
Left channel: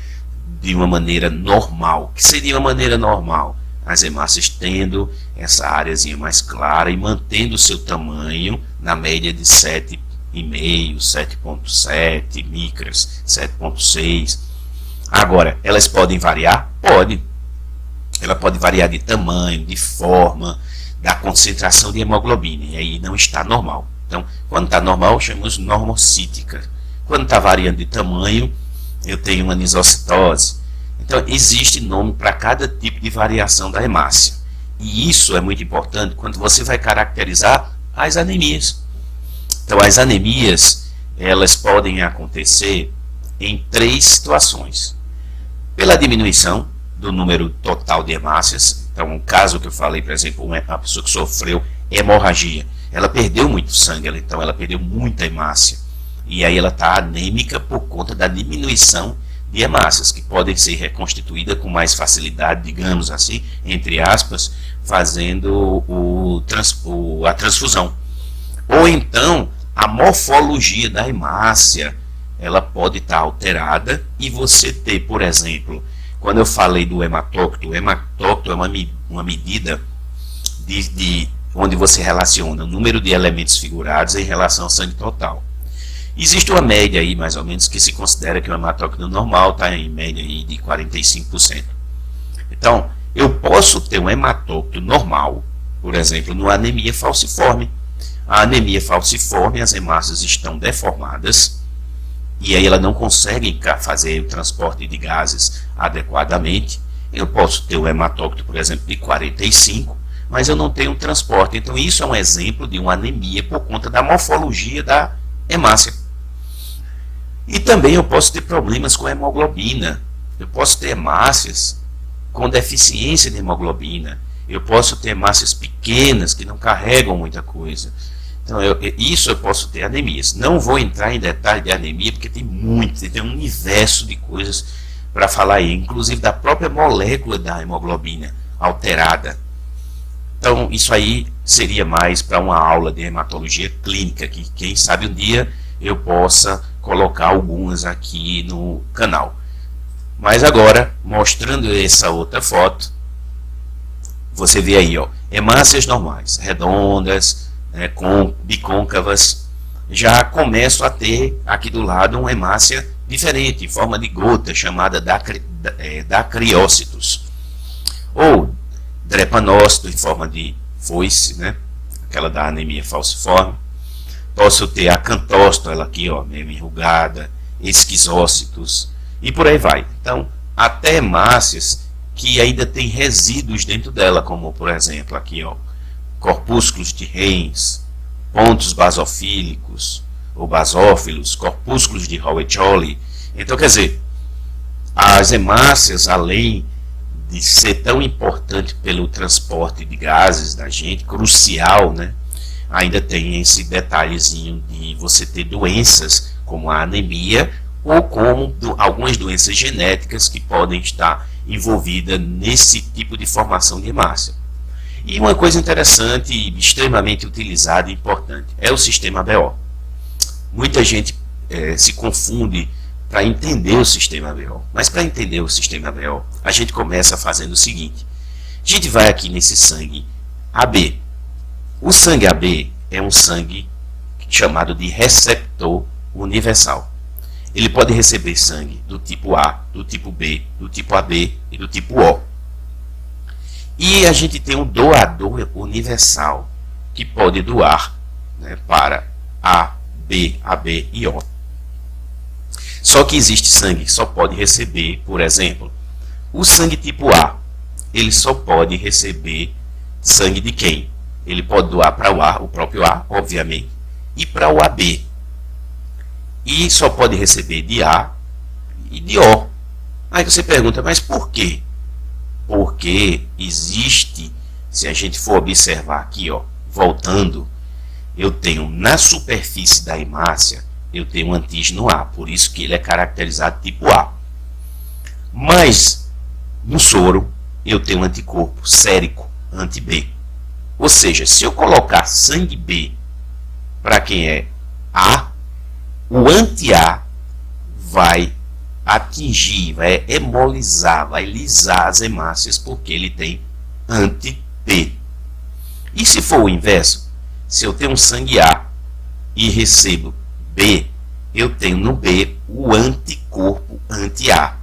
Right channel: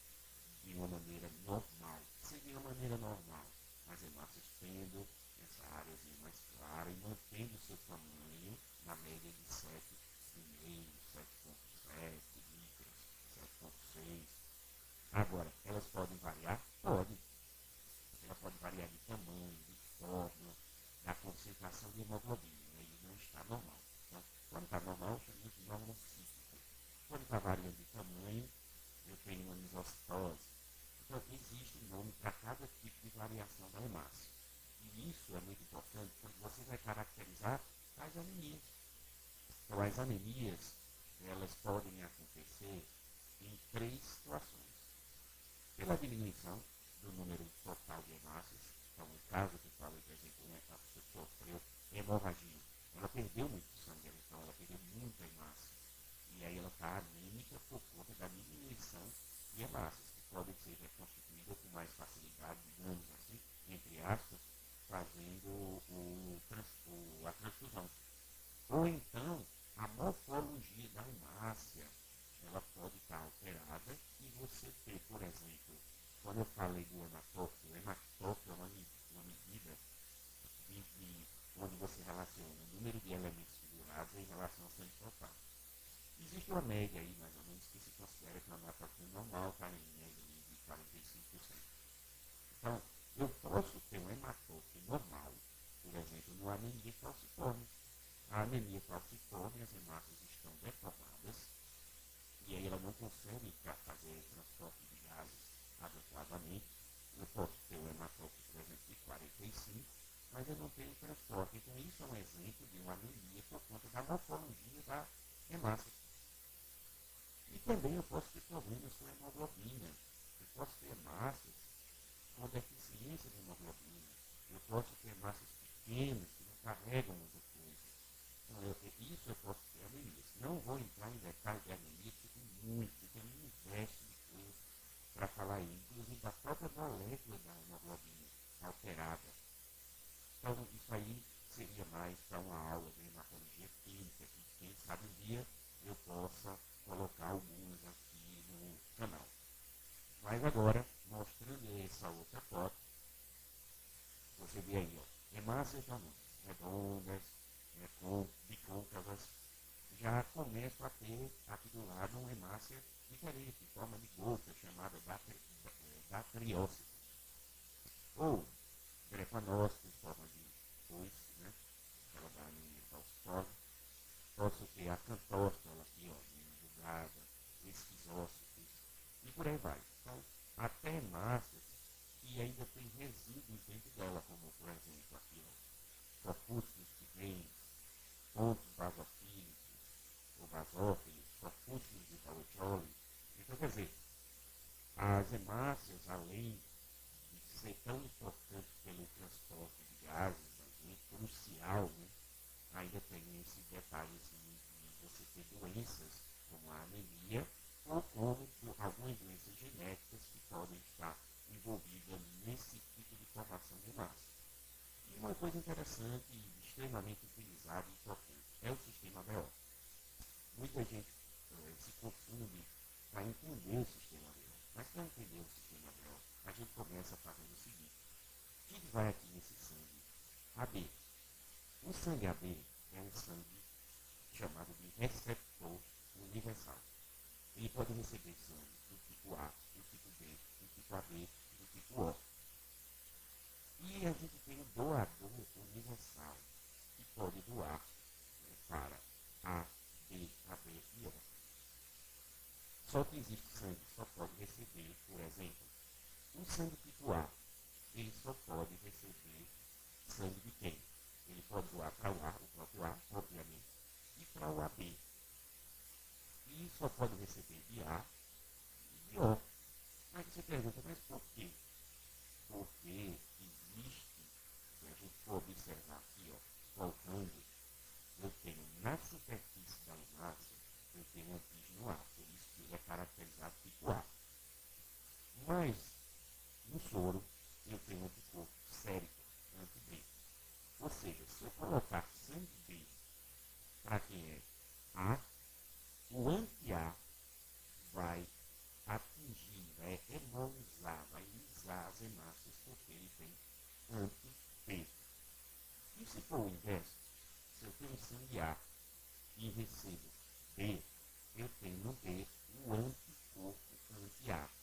de uma maneira normal. Que seria uma maneira normal? As hemácias tendo essa áreazinha mais clara e mantendo o seu tamanho na média de 7,5, 7,7 micras, 7,6. Agora, elas podem variar? Pode. Ela pode variar de tamanho, de forma, da concentração de hemoglobina, e aí não está normal. Então, quando está normal, chamamos normocítica. Quando está variando de tamanho, eu tenho uma anisocitose. Então, existe nome para cada tipo de variação da hemácia. E isso é muito importante quando você vai caracterizar as anemias. Então, as anemias, elas podem acontecer em 3 situações. Pela diminuição do número total de hemácias. Então, um caso que eu falei, por exemplo, uma pessoa que sofreu hemorragia, ela perdeu muito sangue, então ela perdeu muita hemácia. E aí ela está anêmica por conta da diminuição de hemácias, que podem ser reconstituídas com mais facilidade, digamos assim, entre aspas, fazendo a transfusão. Ou então, a morfologia da hemácia, ela pode estar alterada e você ter, por exemplo, quando eu falei do hematócrito, o hematócrito é uma medida onde você relaciona o número de elementos figurados em relação ao sangue total. Existe uma média aí, mais ou menos, que se considera que o hematócrito normal está em média aí de 45%. Então, eu posso ter um hematócrito normal, por exemplo, numa anemia falciforme. A anemia falciforme, as hemácias estão deformadas, e aí ela não consegue fazer o transporte de gases adequadamente. Eu posso ter um hematócrito, por exemplo, de 45, mas eu não tenho um transporte. Então, isso é um exemplo de uma anemia por conta da morfologia da hemácia. E também eu posso ter problemas com a hemoglobina. Eu posso ter hemácias com deficiência de hemoglobina. Eu posso ter hemácias pequenas que não carregam muita coisa. Então, isso eu posso ter anemias. Não vou entrar em detalhe de anemia, porque tem um universo de coisas para falar aí, inclusive da própria molécula da hemoglobina alterada. Então, isso aí seria mais para uma aula de hematologia clínica, que quem sabe um dia eu possa colocar algumas aqui no canal. Mas agora, mostrando essa outra foto, você vê aí, ó, hemácias normais, redondas, bicôncavas, já começo a ter aqui do lado uma hemácia diferente, em forma de gota, chamada dacriócitos, ou drepanócito, em forma de foice, né? Aquela da anemia falciforme. Posso ter acantócito, ela aqui, ó, meio enrugada, esquizócitos, e por aí vai. Então, até hemácias que ainda tem resíduos dentro dela, como, por exemplo, aqui, ó, corpúsculos de Heinz, pontos basofílicos, ou basófilos, corpúsculos de Howe-Jolly. Então, quer dizer, as hemácias, além de ser tão importante pelo transporte de gases da gente, crucial, né? Ainda tem esse detalhezinho de você ter doenças como a anemia ou como algumas doenças genéticas que podem estar envolvidas nesse tipo de formação de hemácia. E uma coisa interessante e extremamente utilizada e importante é o sistema ABO. Muita gente se confunde para entender o sistema ABO. Mas para entender o sistema ABO, a gente começa fazendo o seguinte. A gente vai aqui nesse sangue AB. O sangue AB é um sangue chamado de receptor universal. Ele pode receber sangue do tipo A, do tipo B, do tipo AB e do tipo O. E a gente tem um doador universal, que pode doar, né, para A, B, AB e O. Só que existe sangue que só pode receber, por exemplo, o sangue tipo A. Ele só pode receber sangue de quem? Ele pode doar para o A, o próprio A, obviamente, e para o AB. E só pode receber de A e de O. Aí você pergunta, mas por quê? Porque existe, se a gente for observar aqui, ó, voltando, eu tenho na superfície da hemácia, eu tenho um antígeno A, por isso que ele é caracterizado tipo A. Mas no soro eu tenho um anticorpo sérico anti-B. Ou seja, se eu colocar sangue B para quem é A, o anti-A vai atingir, vai hemolizar, vai lisar as hemácias, porque ele tem anti-B. E se for o inverso, se eu tenho um sangue A e recebo B, eu tenho no B o anticorpo anti-A,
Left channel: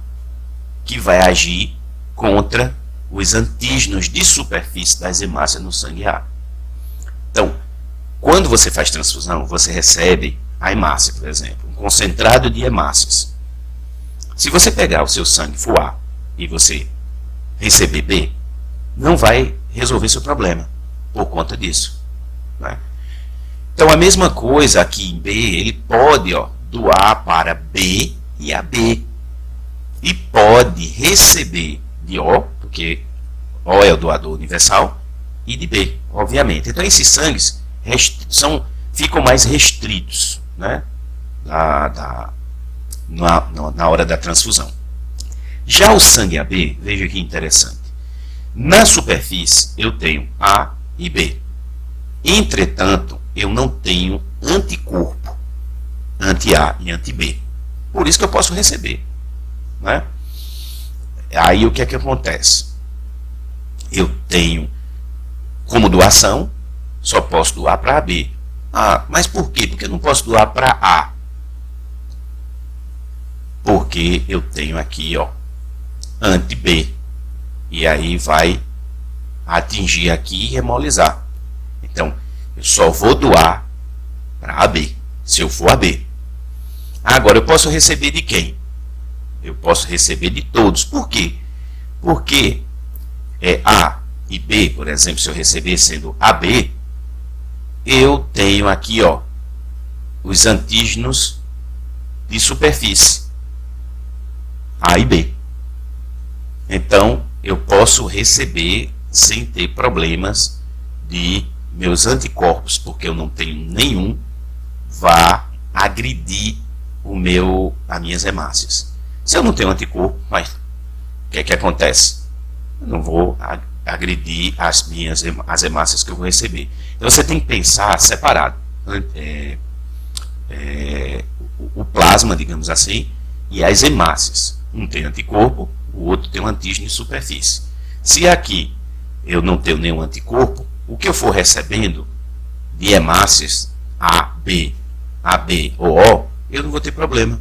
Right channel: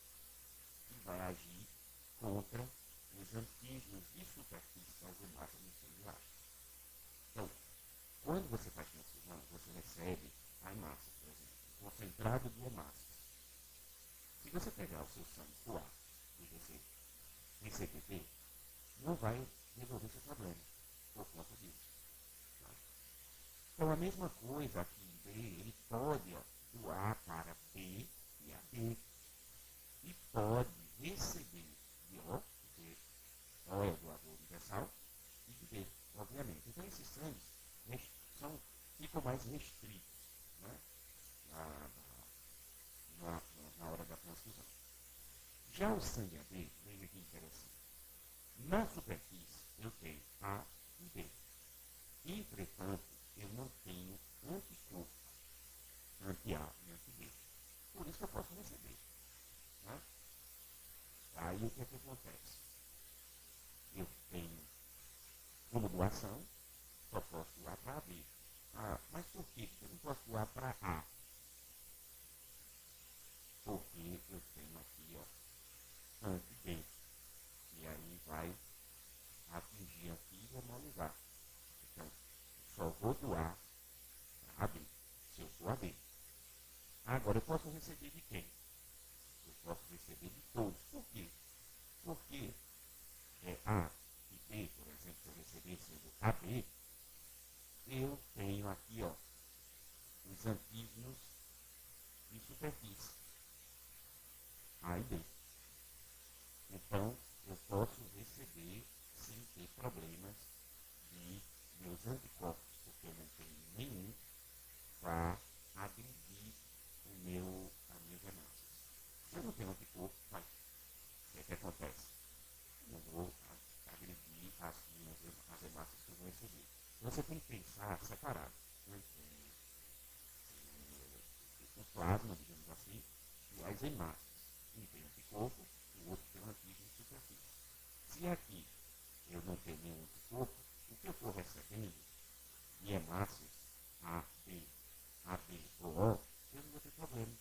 que vai agir contra os antígenos de superfície das hemácias no sangue A. Então, quando você faz transfusão, você recebe a hemácia, por exemplo, um concentrado de hemácias. Se você pegar o seu sangue for A e você receber B, não vai resolver seu problema por conta disso, né? Então a mesma coisa aqui em B, ele pode doar para B e AB. E pode receber de O, porque O é o doador universal, e de B, obviamente. Então esses sangues ficam mais restritos, né, na hora da transfusão. Já o sangue AB, veja que interessante. Na superfície eu tenho A e B. Entretanto, eu não tenho anticorpo anti-A e anti-B. Por isso que eu posso receber, né? Aí o que é que acontece? Eu tenho como doação, só posso doar para AB. Ah, mas por quê? Porque eu não posso doar para A. Porque eu tenho aqui, anti-B. E aí vai atingir aqui e hemolizar. Então, eu só vou doar para AB, se eu for AB. Agora, eu posso receber de quem? Eu posso receber de todos. Por quê? Porque A e B, por exemplo, se eu receber sendo AB, eu tenho aqui, os antígenos de superfície, A e B. Então, eu posso receber sem ter problemas de meus anticorpos, porque eu não tenho nenhum, vá agredir as minhas hemácias. Se eu não tenho anticorpo, mas o que é que acontece? Eu não vou agredir as hemácias que eu vou receber. Então você tem que pensar separado. O plasma, digamos assim, e as hemácias. Um tem anticorpo, o outro tem um antígeno de superfície. Se aqui eu não tenho nenhum anticorpo, o que eu for recebendo de hemácias A, B, AB ou O, eu não vou ter problema,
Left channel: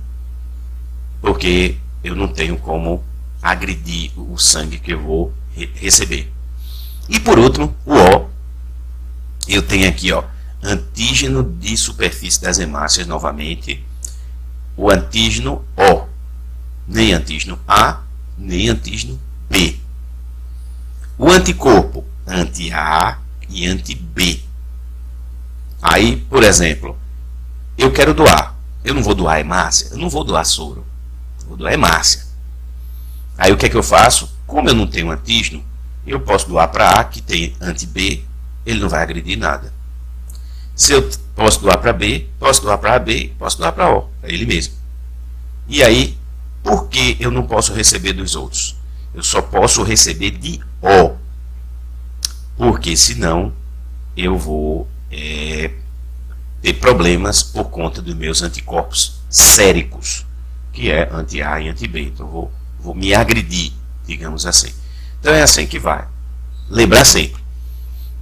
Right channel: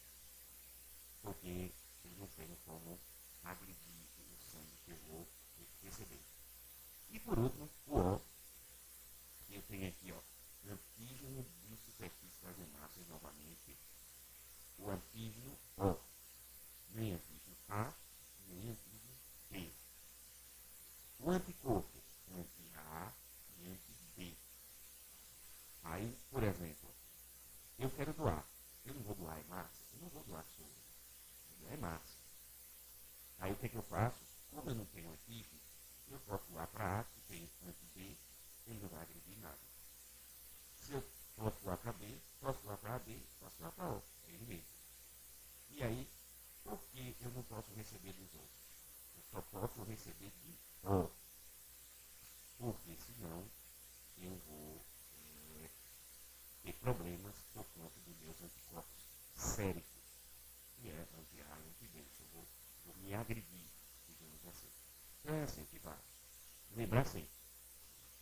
porque eu não tenho como agredir o sangue que eu vou receber. E por último, o O, eu tenho aqui, antígeno de superfície das hemácias, novamente, o antígeno O, nem antígeno A, nem antígeno B. O anticorpo anti-A e anti-B. Aí, por exemplo, eu quero doar. Eu não vou doar hemácia, eu não vou doar soro, eu vou doar hemácia. Aí o que é que eu faço? Como eu não tenho antígeno, eu posso doar para A, que tem anti-B, ele não vai agredir nada. Se eu posso doar para B, posso doar para AB, posso doar para O, é ele mesmo. E aí, por que eu não posso receber dos outros? Eu só posso receber de O, porque senão eu vou ter problemas por conta dos meus anticorpos séricos, que é anti-A e anti-B. Então vou me agredir, digamos assim. Então é assim que vai. Lembrar sempre,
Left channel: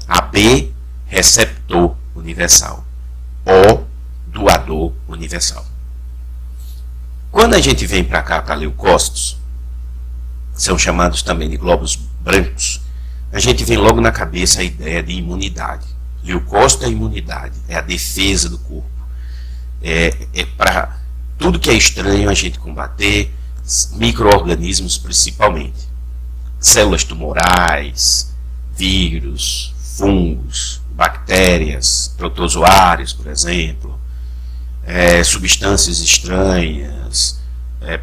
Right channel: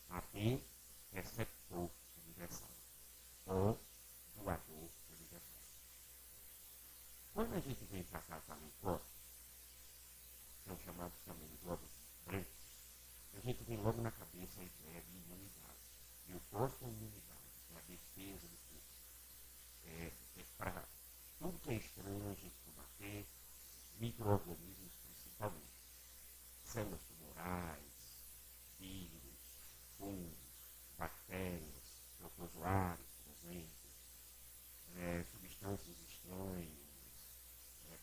AB, receptor universal, O, doador universal. Quando a gente vem para cá, para leucócitos, são chamados também de glóbulos brancos, a gente vem logo na cabeça a ideia de imunidade. Leucócito é a imunidade, é a defesa do corpo. é para tudo que é estranho a gente combater, micro-organismos principalmente. Células tumorais, vírus, fungos, bactérias, protozoários, por exemplo, substâncias estranhas,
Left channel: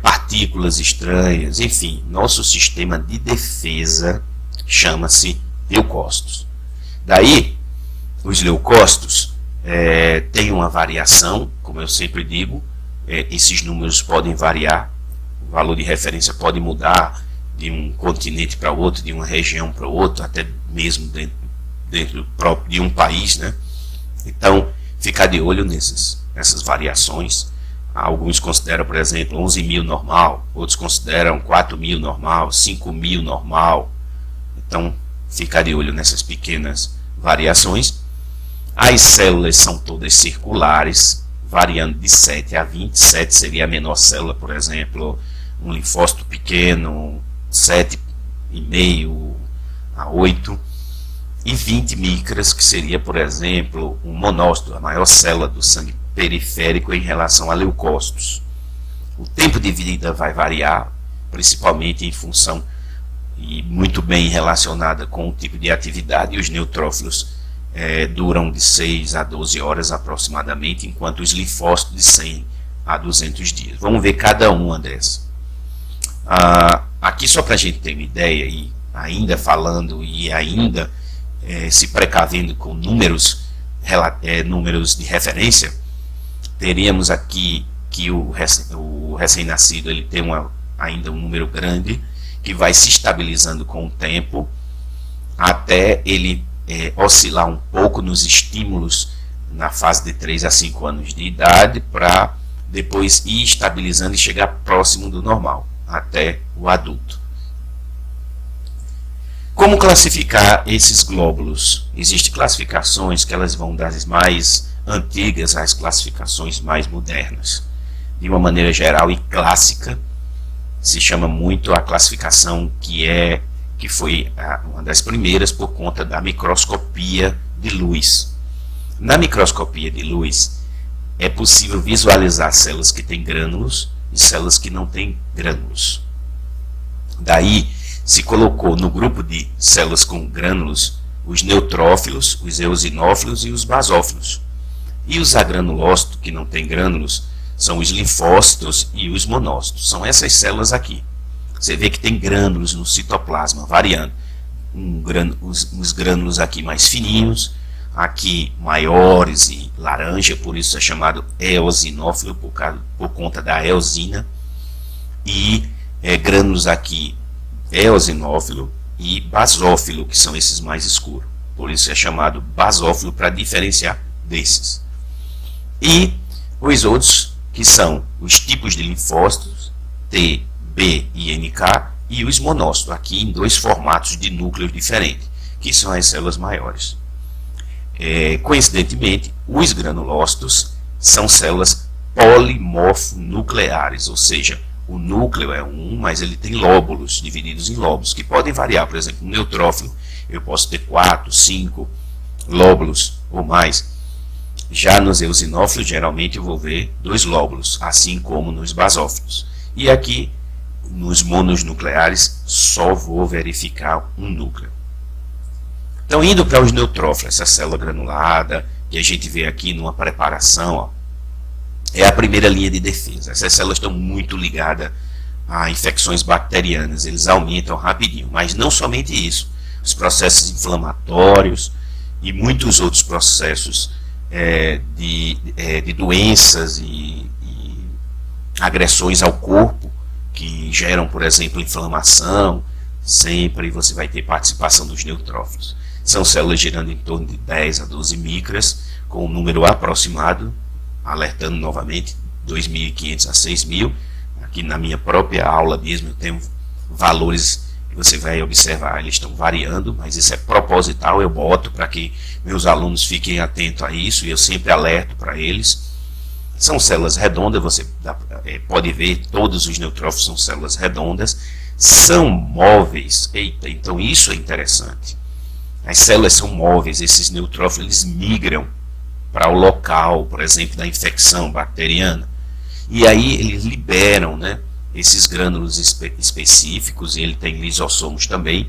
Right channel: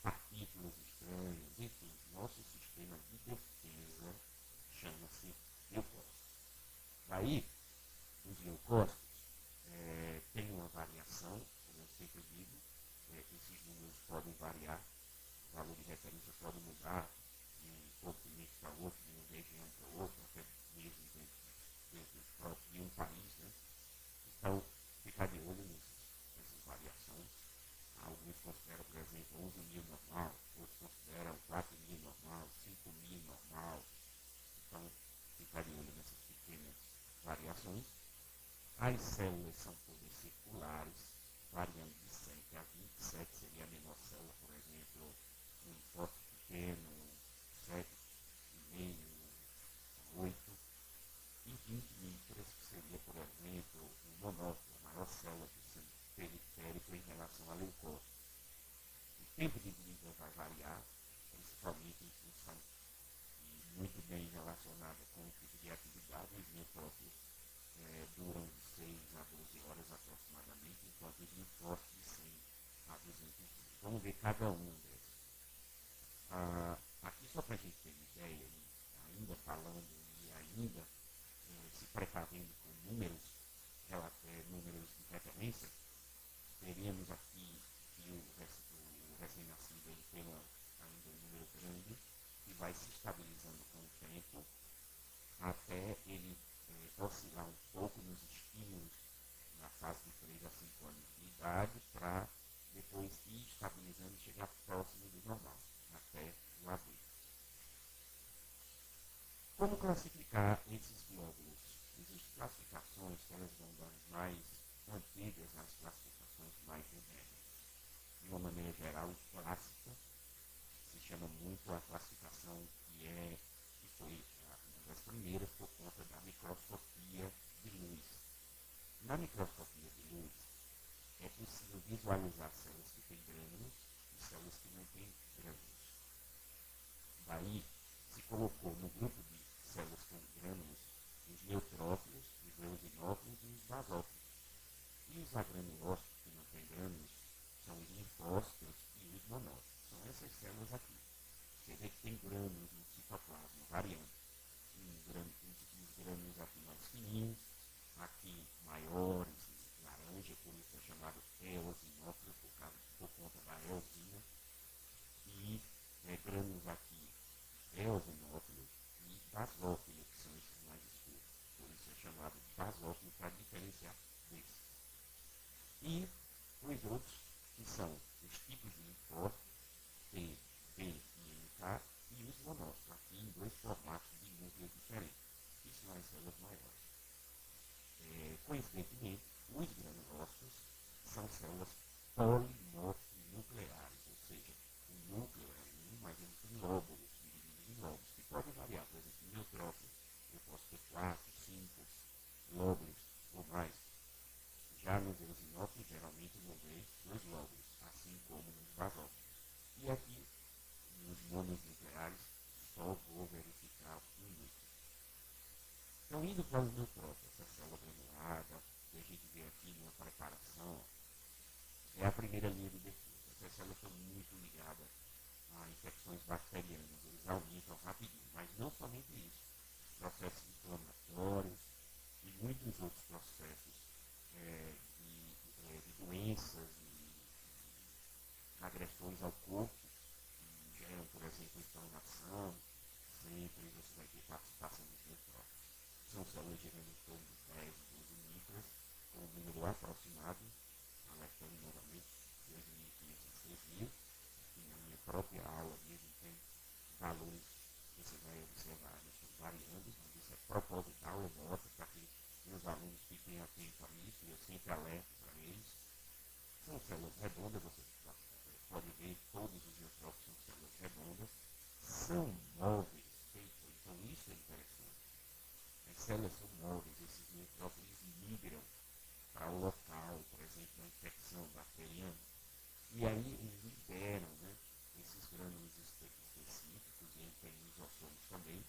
partículas estranhas, enfim, nosso sistema de defesa chama-se leucócitos. Daí, os leucócitos têm uma variação, como eu sempre digo, esses números podem variar, o valor de referência pode mudar de um continente para outro, de uma região para outro, até mesmo dentro próprio de um país, né? Então, ficar de olho nessas variações. Alguns consideram, por exemplo, 11.000 normal, outros consideram 4.000 normal, 5.000 normal. Então, ficar de olho nessas pequenas variações. As células são todas circulares, variando de 7 a 20. 7 seria a menor célula, por exemplo, um linfócito pequeno, 7,5 a 8. E 20 micras, que seria, por exemplo, um monócito, a maior célula do sangue periférico em relação a leucócitos. O tempo de vida vai variar, principalmente em função e muito bem relacionada com o tipo de atividade, e os neutrófilos duram de 6 a 12 horas aproximadamente, enquanto os linfócitos de 100 a 200 dias. Vamos ver cada uma dessas. Aqui só para a gente ter uma ideia, e ainda falando e ainda se precavendo com números de referência, teríamos aqui que o recém-nascido ele tem ainda um número grande, que vai se estabilizando com o tempo, até ele oscilar um pouco nos estímulos na fase de 3 a 5 anos de idade, para depois ir estabilizando e chegar próximo do normal, até o adulto. Como classificar esses glóbulos? Existem classificações que elas vão das mais antigas às classificações mais modernas. De uma maneira geral e clássica, se chama muito a classificação que foi uma das primeiras por conta da microscopia de luz. Na microscopia de luz, é possível visualizar células que têm grânulos e células que não têm grânulos. Daí, se colocou no grupo de células com grânulos os neutrófilos, os eosinófilos e os basófilos. E os agranulócitos, que não têm grânulos, são os linfócitos e os monócitos. São essas células aqui. Você vê que tem grânulos no citoplasma, variando. Os grânulos aqui mais fininhos, aqui maiores e laranja, por isso é chamado eosinófilo, por conta da eosina. E grânulos aqui eosinófilo e basófilo, que são esses mais escuros. Por isso é chamado basófilo, para diferenciar desses. E os outros, que são os tipos de linfócitos, T, B e NK, e os monócitos, aqui em dois formatos de núcleos diferentes, que são as células maiores. Coincidentemente, os granulócitos são células polimorfonucleares, ou seja, o núcleo é um, mas ele tem lóbulos, divididos em lóbulos, que podem variar. Por exemplo, no neutrófilo, eu posso ter 4, 5 lóbulos ou mais. Já nos eosinófilos, geralmente eu vou ver 2 lóbulos, assim como nos basófilos. E aqui, nos mononucleares, só vou verificar um núcleo. Então, indo para os neutrófilos, essa célula granulada, que a gente vê aqui numa preparação, ó, é a primeira linha de defesa. Essas células estão muito ligadas a infecções bacterianas, eles aumentam rapidinho. Mas não somente isso, os processos inflamatórios e muitos outros processos de doenças e agressões ao corpo, que geram, por exemplo, inflamação, sempre você vai ter participação dos neutrófilos. São células girando em torno de 10 a 12 micras, com um número aproximado, alertando novamente, 2.500 a 6.000. Aqui na minha própria aula mesmo eu tenho valores que você vai observar, eles estão variando, mas isso é proposital, eu boto para que meus alunos fiquem atentos a isso, e eu sempre alerto para eles. São células redondas, você pode ver, todos os neutrófilos são células redondas, são móveis. Eita, então isso é interessante. As células são móveis, esses neutrófilos eles migram para o local, por exemplo, da infecção bacteriana. E aí eles liberam, né, esses grânulos específicos, e ele tem lisossomos também,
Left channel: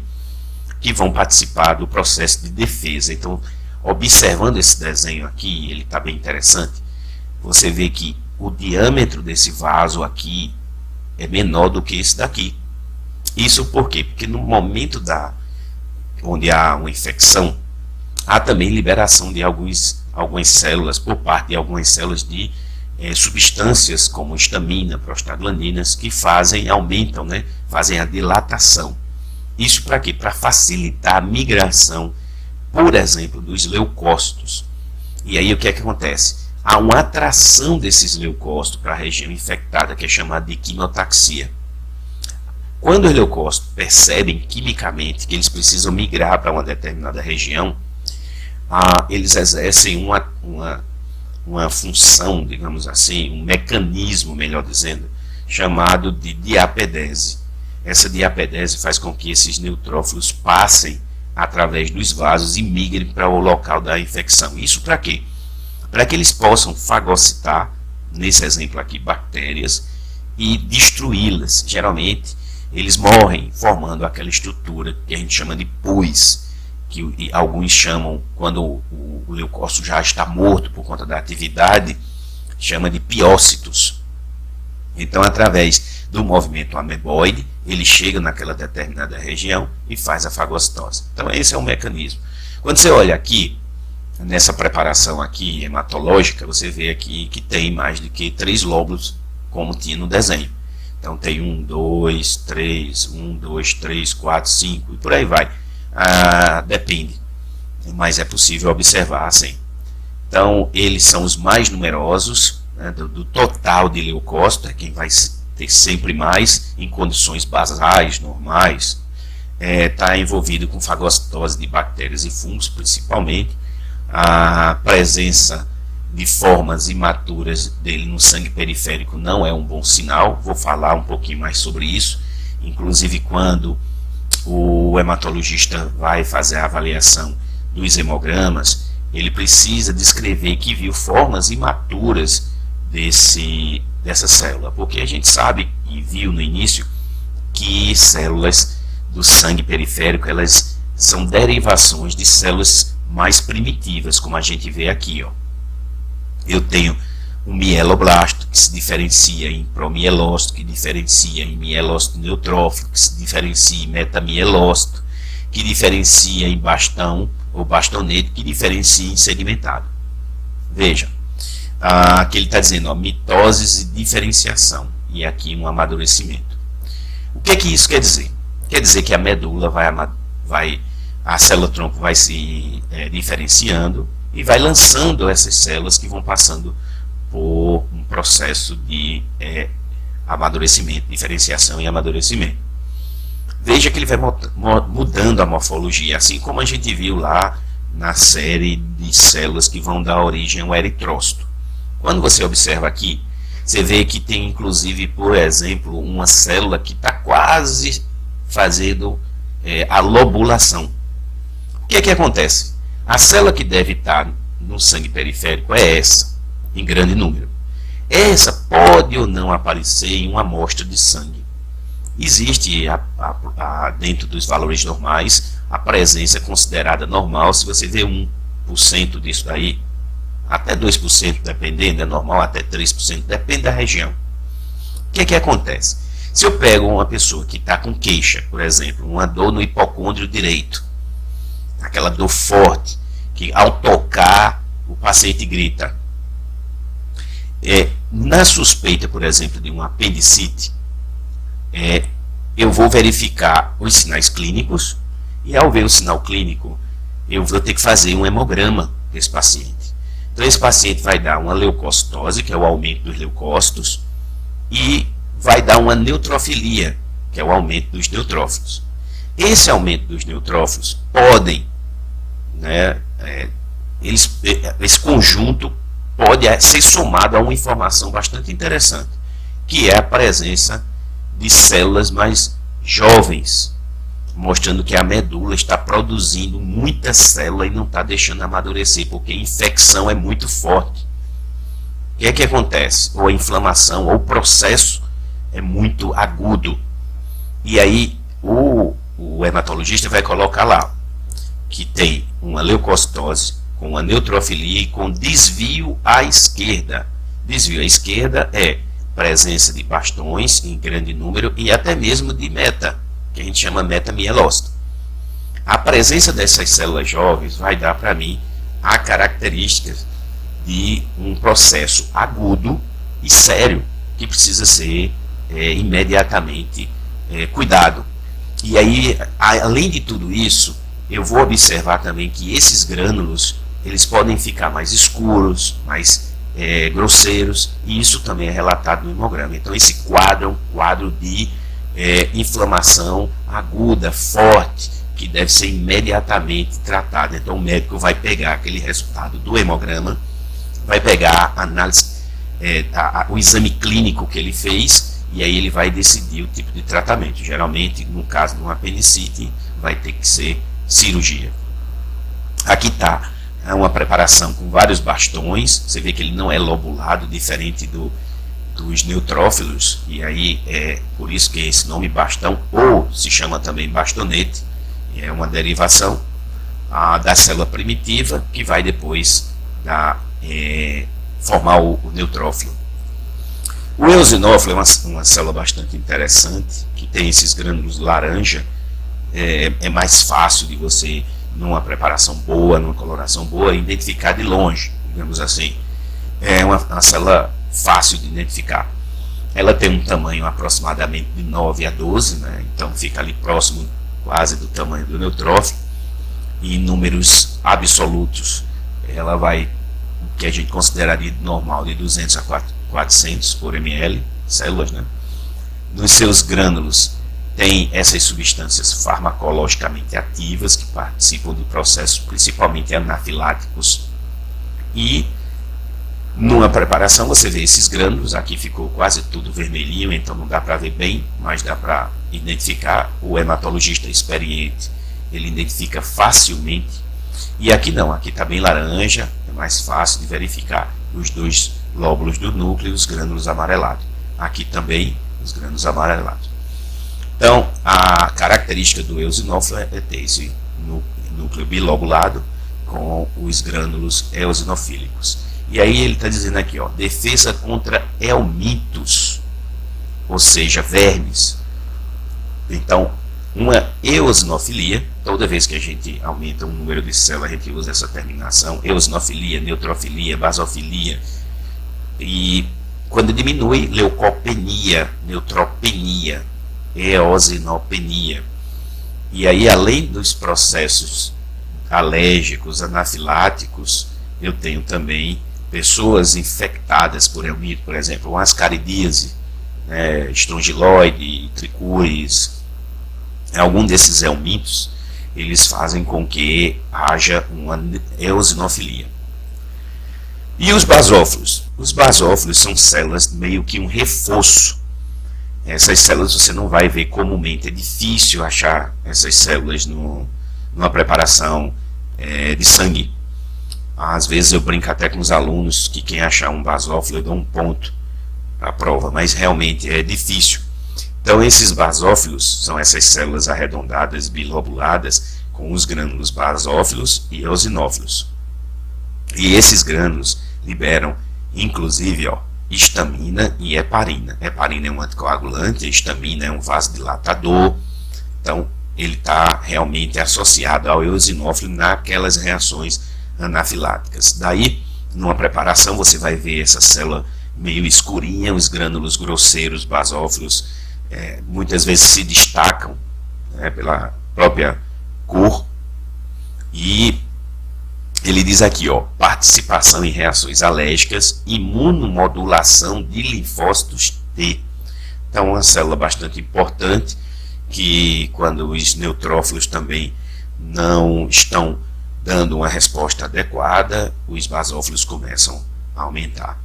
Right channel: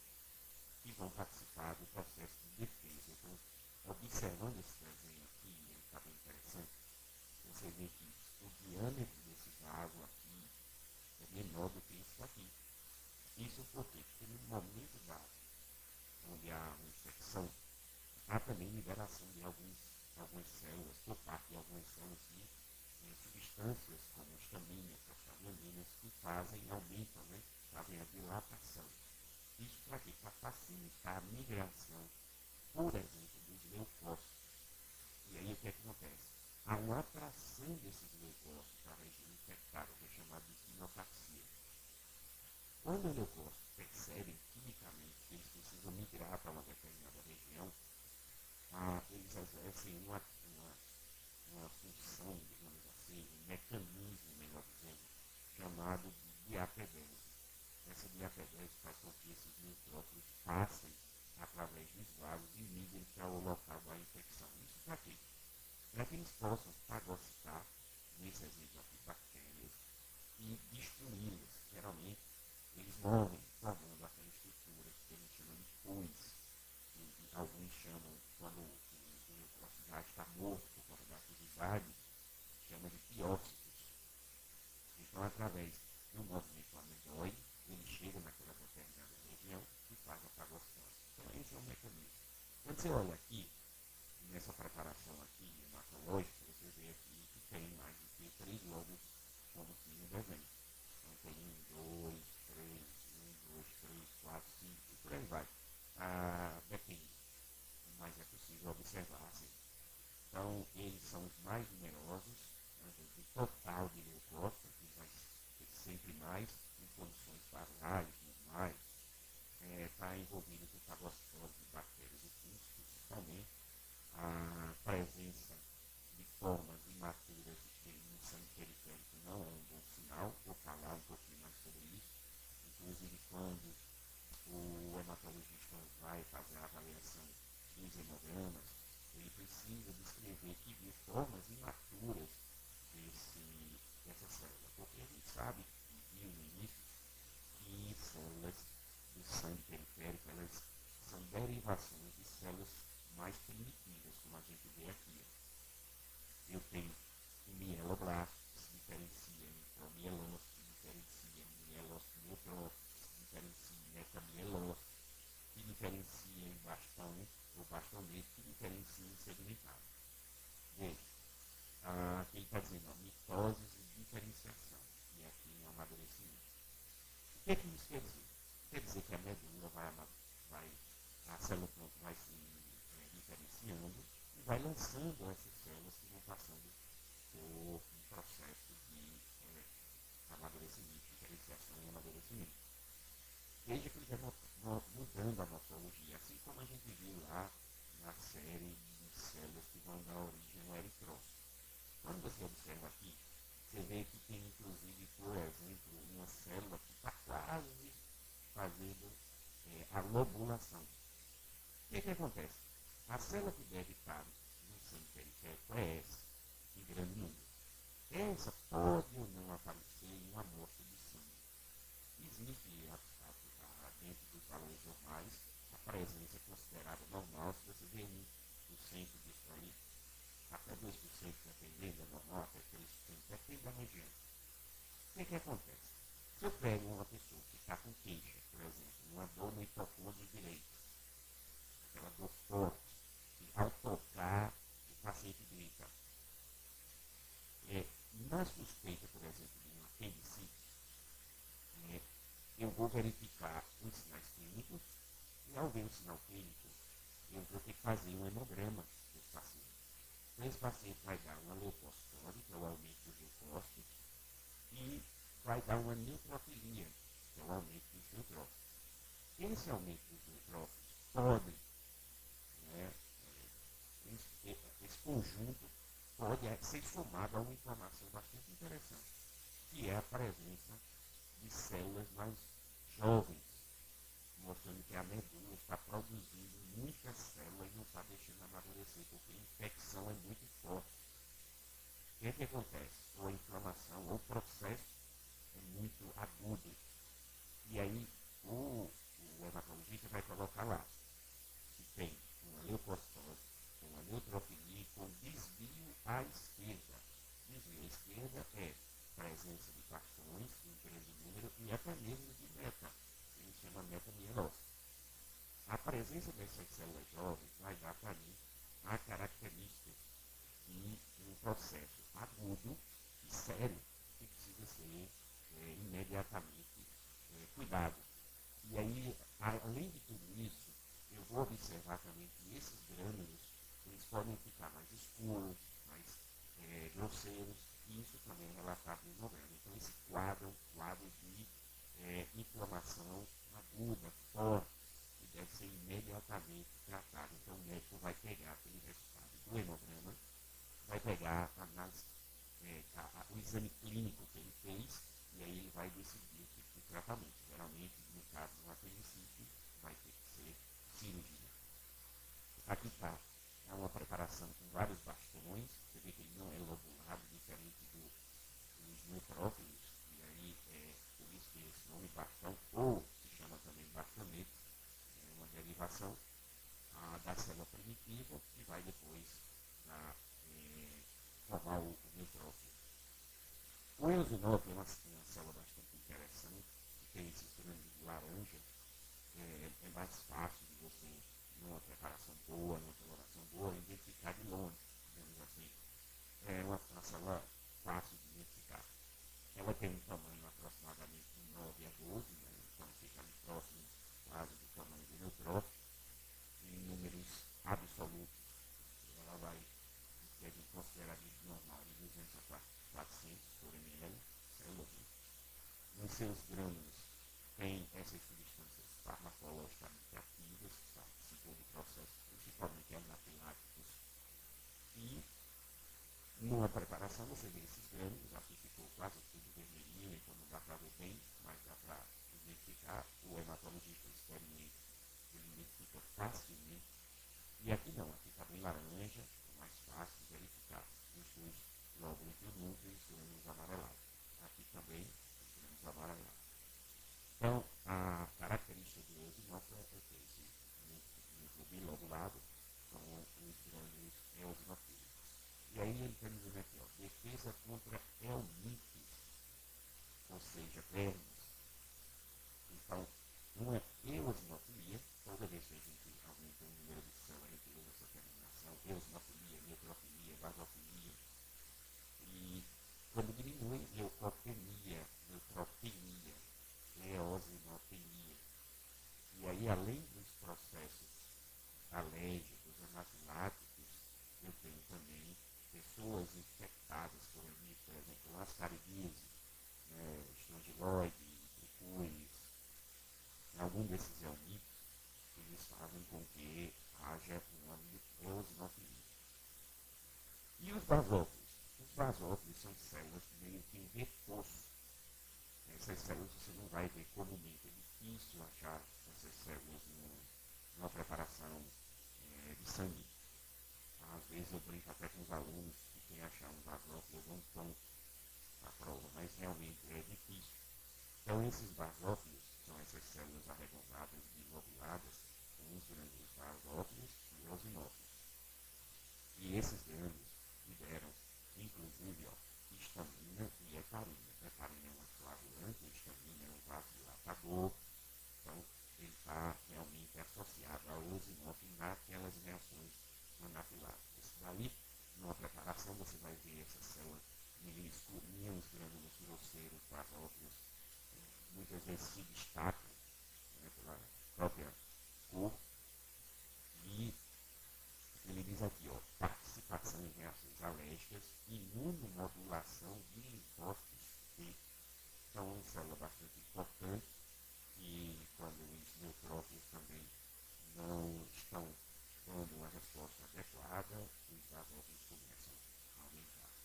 que vão participar do processo de defesa. Então, observando esse desenho aqui, ele está bem interessante, você vê que o diâmetro desse vaso aqui é menor do que esse daqui. Isso por quê? Porque no momento onde há uma infecção, há também liberação de algumas células, por parte de algumas células de substâncias como histamina, prostaglandinas, que aumentam, né, fazem a dilatação. Isso para quê? Para facilitar a migração, por exemplo, dos leucócitos. E aí o que é que acontece? Há uma atração desses leucócitos para a região infectada, que é chamada de quimiotaxia. Quando os leucócitos percebem quimicamente que eles precisam migrar para uma determinada região, eles exercem uma função, digamos assim, um mecanismo, melhor dizendo, chamado de diapedese. Essa diapedese faz com que esses neutrófilos passem através dos vasos e migrem para o local da infecção. Isso para quê? Para que eles possam fagocitar, nesse exemplo aqui, bactérias e destruí-las. Geralmente, eles morrem formando aquela estrutura que a gente chama de pus, que alguns chamam, quando o leucócito já está morto por conta da atividade, chama de piócitos. Então, através do movimento ameboide, ele chega naquela determinada região e faz a fagocitose. Então, esse é um mecanismo. Quando você olha aqui, nessa preparação aqui hematológica, você vê aqui que tem mais do que 3 lóbulos, como tinha no desenho. Então tem 1, 2, 3, 1, 2, 3, 4, 5 e por aí vai. Depende, mas é possível observar assim. Então eles são os mais numerosos, né, do total de leucócitos, quem vai ter sempre mais em condições basais, normais. Está envolvido com fagocitose de bactérias e fungos, principalmente. A presença de formas imaturas dele no sangue periférico não é um bom sinal. Vou falar um pouquinho mais sobre isso. Inclusive, quando o hematologista vai fazer a avaliação dos hemogramas, ele precisa descrever que viu formas imaturas dessa célula, porque a gente sabe e viu no início que células do sangue periférico, elas são derivações de células mais primitivas, como a gente vê aqui, ó. Eu tenho um mieloblasto, que se diferencia em promielócito, que diferencia em mielócito neutrófilo, que se diferencia em metamielócito, que diferencia em bastão ou bastonete, que diferencia em segmentado. Veja, aqui ele está dizendo, ó, mitose e diferenciação, e aqui um amadurecimento. O que é que isso quer dizer? Quer dizer que a medula a célula-tronco vai se diferenciando e vai lançando essas células que vão passando por um processo de amadurecimento, diferenciação e amadurecimento. Veja que ele vai mudando a morfologia, assim como a gente viu lá na série de células que vão dar origem ao eritrócito. Quando você observa aqui, você vê que tem inclusive, por exemplo, uma célula que está quase fazendo a lobulação. O que é que acontece? A célula que deve estar no sangue periférico é essa, em grande número. Essa pode ou não aparecer em uma amostra de sangue. Existe, dentro dos valores normais, a presença considerada normal. Se você vê 1% disso daí, até 2%, dependendo, é normal, até 3%, depende da região. O que é que acontece? Se eu pego uma pessoa que está com queixa, por exemplo, uma dor no hipocôndrio direito, aquela dor forte, que ao tocar o paciente grita. Na suspeita, por exemplo, de uma apendicite, eu vou verificar os sinais clínicos, e ao ver o sinal clínico, eu vou ter que fazer um hemograma desse paciente. Então esse paciente vai dar uma leucocitose, que é o aumento dos leucócitos, e vai dar uma neutrofilia, que é o aumento dos neutrófilos. Esse aumento dos neutrófilos podem, né, esse conjunto pode ser somado a uma informação bastante interessante, que é a presença de células mais jovens, mostrando que a medula está produzindo muita célula e não está deixando amadurecer, porque a infecção é muito forte. O que é que acontece? Ou a inflamação, ou o processo é muito agudo. E aí o hematologista vai colocar lá que tem uma leucocitose com uma neutrofilia e com desvio à esquerda. Desvio à esquerda é presença de bastões em grande número e até mesmo de meta, que a gente chama metamielócito. A presença dessas células jovens vai dar para mim a característica de um processo agudo e sério que precisa ser imediatamente cuidado. E aí, além de tudo isso, eu vou observar também que esses grânulos eles podem ficar mais escuros, mais grosseiros, e isso também é relatado no hemograma. Então esse quadro é um quadro de inflamação aguda, forte, que deve ser imediatamente tratado. Então o médico vai pegar aquele resultado do hemograma, vai pegar a análise, o exame clínico que ele fez, e aí ele vai decidir o tipo de tratamento. Geralmente, no caso de uma apendicite, vai ter que ser cirurgia. Aqui está uma preparação com vários bastões. Você vê que ele não é lobulado, diferente dos neutrófilos, e aí é por isso que esse nome bastão, ou se chama também bastonete, é uma derivação da célula primitiva, que vai depois formar o neutrófilo. O eosinófilo é uma célula bastante interessante, que tem esses grânulos laranja. É mais fácil de você, numa preparação boa, numa coloração boa, identificar de longe, digamos assim. É uma célula fácil de identificar. Ela tem um tamanho aproximadamente de 9 a 12, né? Então fica ali próximo quase do tamanho do neutrófilo. E em números absolutos, ela vai, o que a gente consideraria normal, de 200 a 400 por ml, células, né? Nos seus grânulos tem essas substâncias farmacologicamente ativas que participam do processo, principalmente anafiláticos. E numa preparação você vê esses grânulos, aqui ficou quase tudo vermelhinho, então não dá para ver bem, mas dá para identificar. O hematologista experiente, ele identifica facilmente. E aqui não, aqui está bem laranja, é mais fácil de verificar os dois lóbulos do núcleo e os grânulos amarelados. Aqui também os grânulos amarelados. Então, a característica do eosinófilo é ter esse núcleo bilobulado com os grânulos eosinofílicos. E aí ele está dizendo aqui, ó, defesa contra helmintos, ou seja, vermes. Então, uma eosinofilia, toda vez que a gente aumenta o número de células, a gente usa essa terminação, eosinofilia, neutrofilia, basofilia, e quando diminui, leucopenia, neutropenia, eosinopenia. E aí, além dos processos alérgicos, anafiláticos, eu tenho também pessoas infectadas por helminto, por exemplo, uma ascaridíase, né, estrongiloide, tricúris. Algum desses helmintos, eles fazem com que haja uma eosinofilia. E os basófilos? Os basófilos são células meio que um reforço. Essas células você não vai ver comumente, é difícil achar essas células numa preparação de sangue. Às vezes eu brinco até com os alunos que quem achar um basófilo eu dou um ponto para a prova, mas realmente é difícil. Então esses basófilos são essas células arredondadas, bilobuladas, com os grânulos basófilos e eosinófilos. E esses grânulos liberam, inclusive, histamina e heparina. Heparina é um anticoagulante, a histamina é um vasodilatador. Então, ele está realmente associado ao eosinófilo naquelas reações anafiláticas. Daí, numa preparação, você vai ver essa célula meio escurinha, os grânulos grosseiros basófilos muitas vezes se destacam, né, pela própria cor. E ele diz aqui, participação em reações alérgicas, imunomodulação de linfócitos T. Então, uma célula bastante importante, que quando os neutrófilos também não estão dando uma resposta adequada, os basófilos começam a aumentar.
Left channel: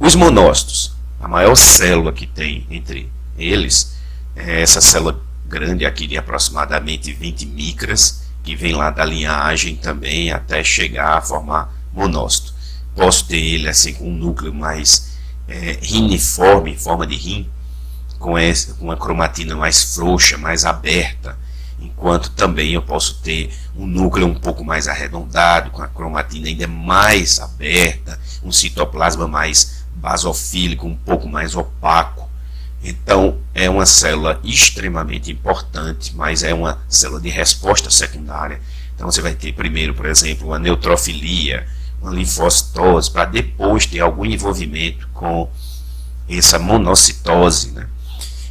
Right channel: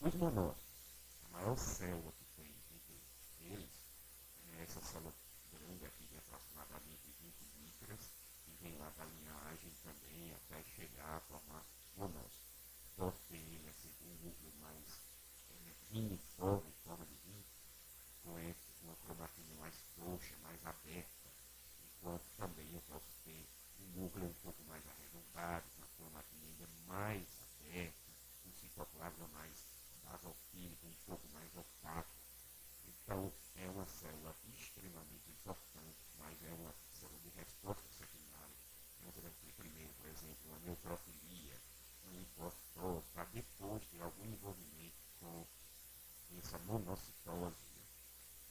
Os monócitos, a maior célula que tem entre eles, é essa célula grande aqui de aproximadamente 20 micras, que vem lá da linhagem também até chegar a formar monócito. Posso ter ele assim com um núcleo mais riniforme, em forma de rim, com uma cromatina mais frouxa, mais aberta, enquanto também eu posso ter um núcleo um pouco mais arredondado, com a cromatina ainda mais aberta, um citoplasma mais basofílico, um pouco mais opaco. Então é uma célula extremamente importante, mas é uma célula de resposta secundária. Então você vai ter primeiro, por exemplo, uma neutrofilia, uma linfocitose, para depois ter algum envolvimento com essa monocitose, né?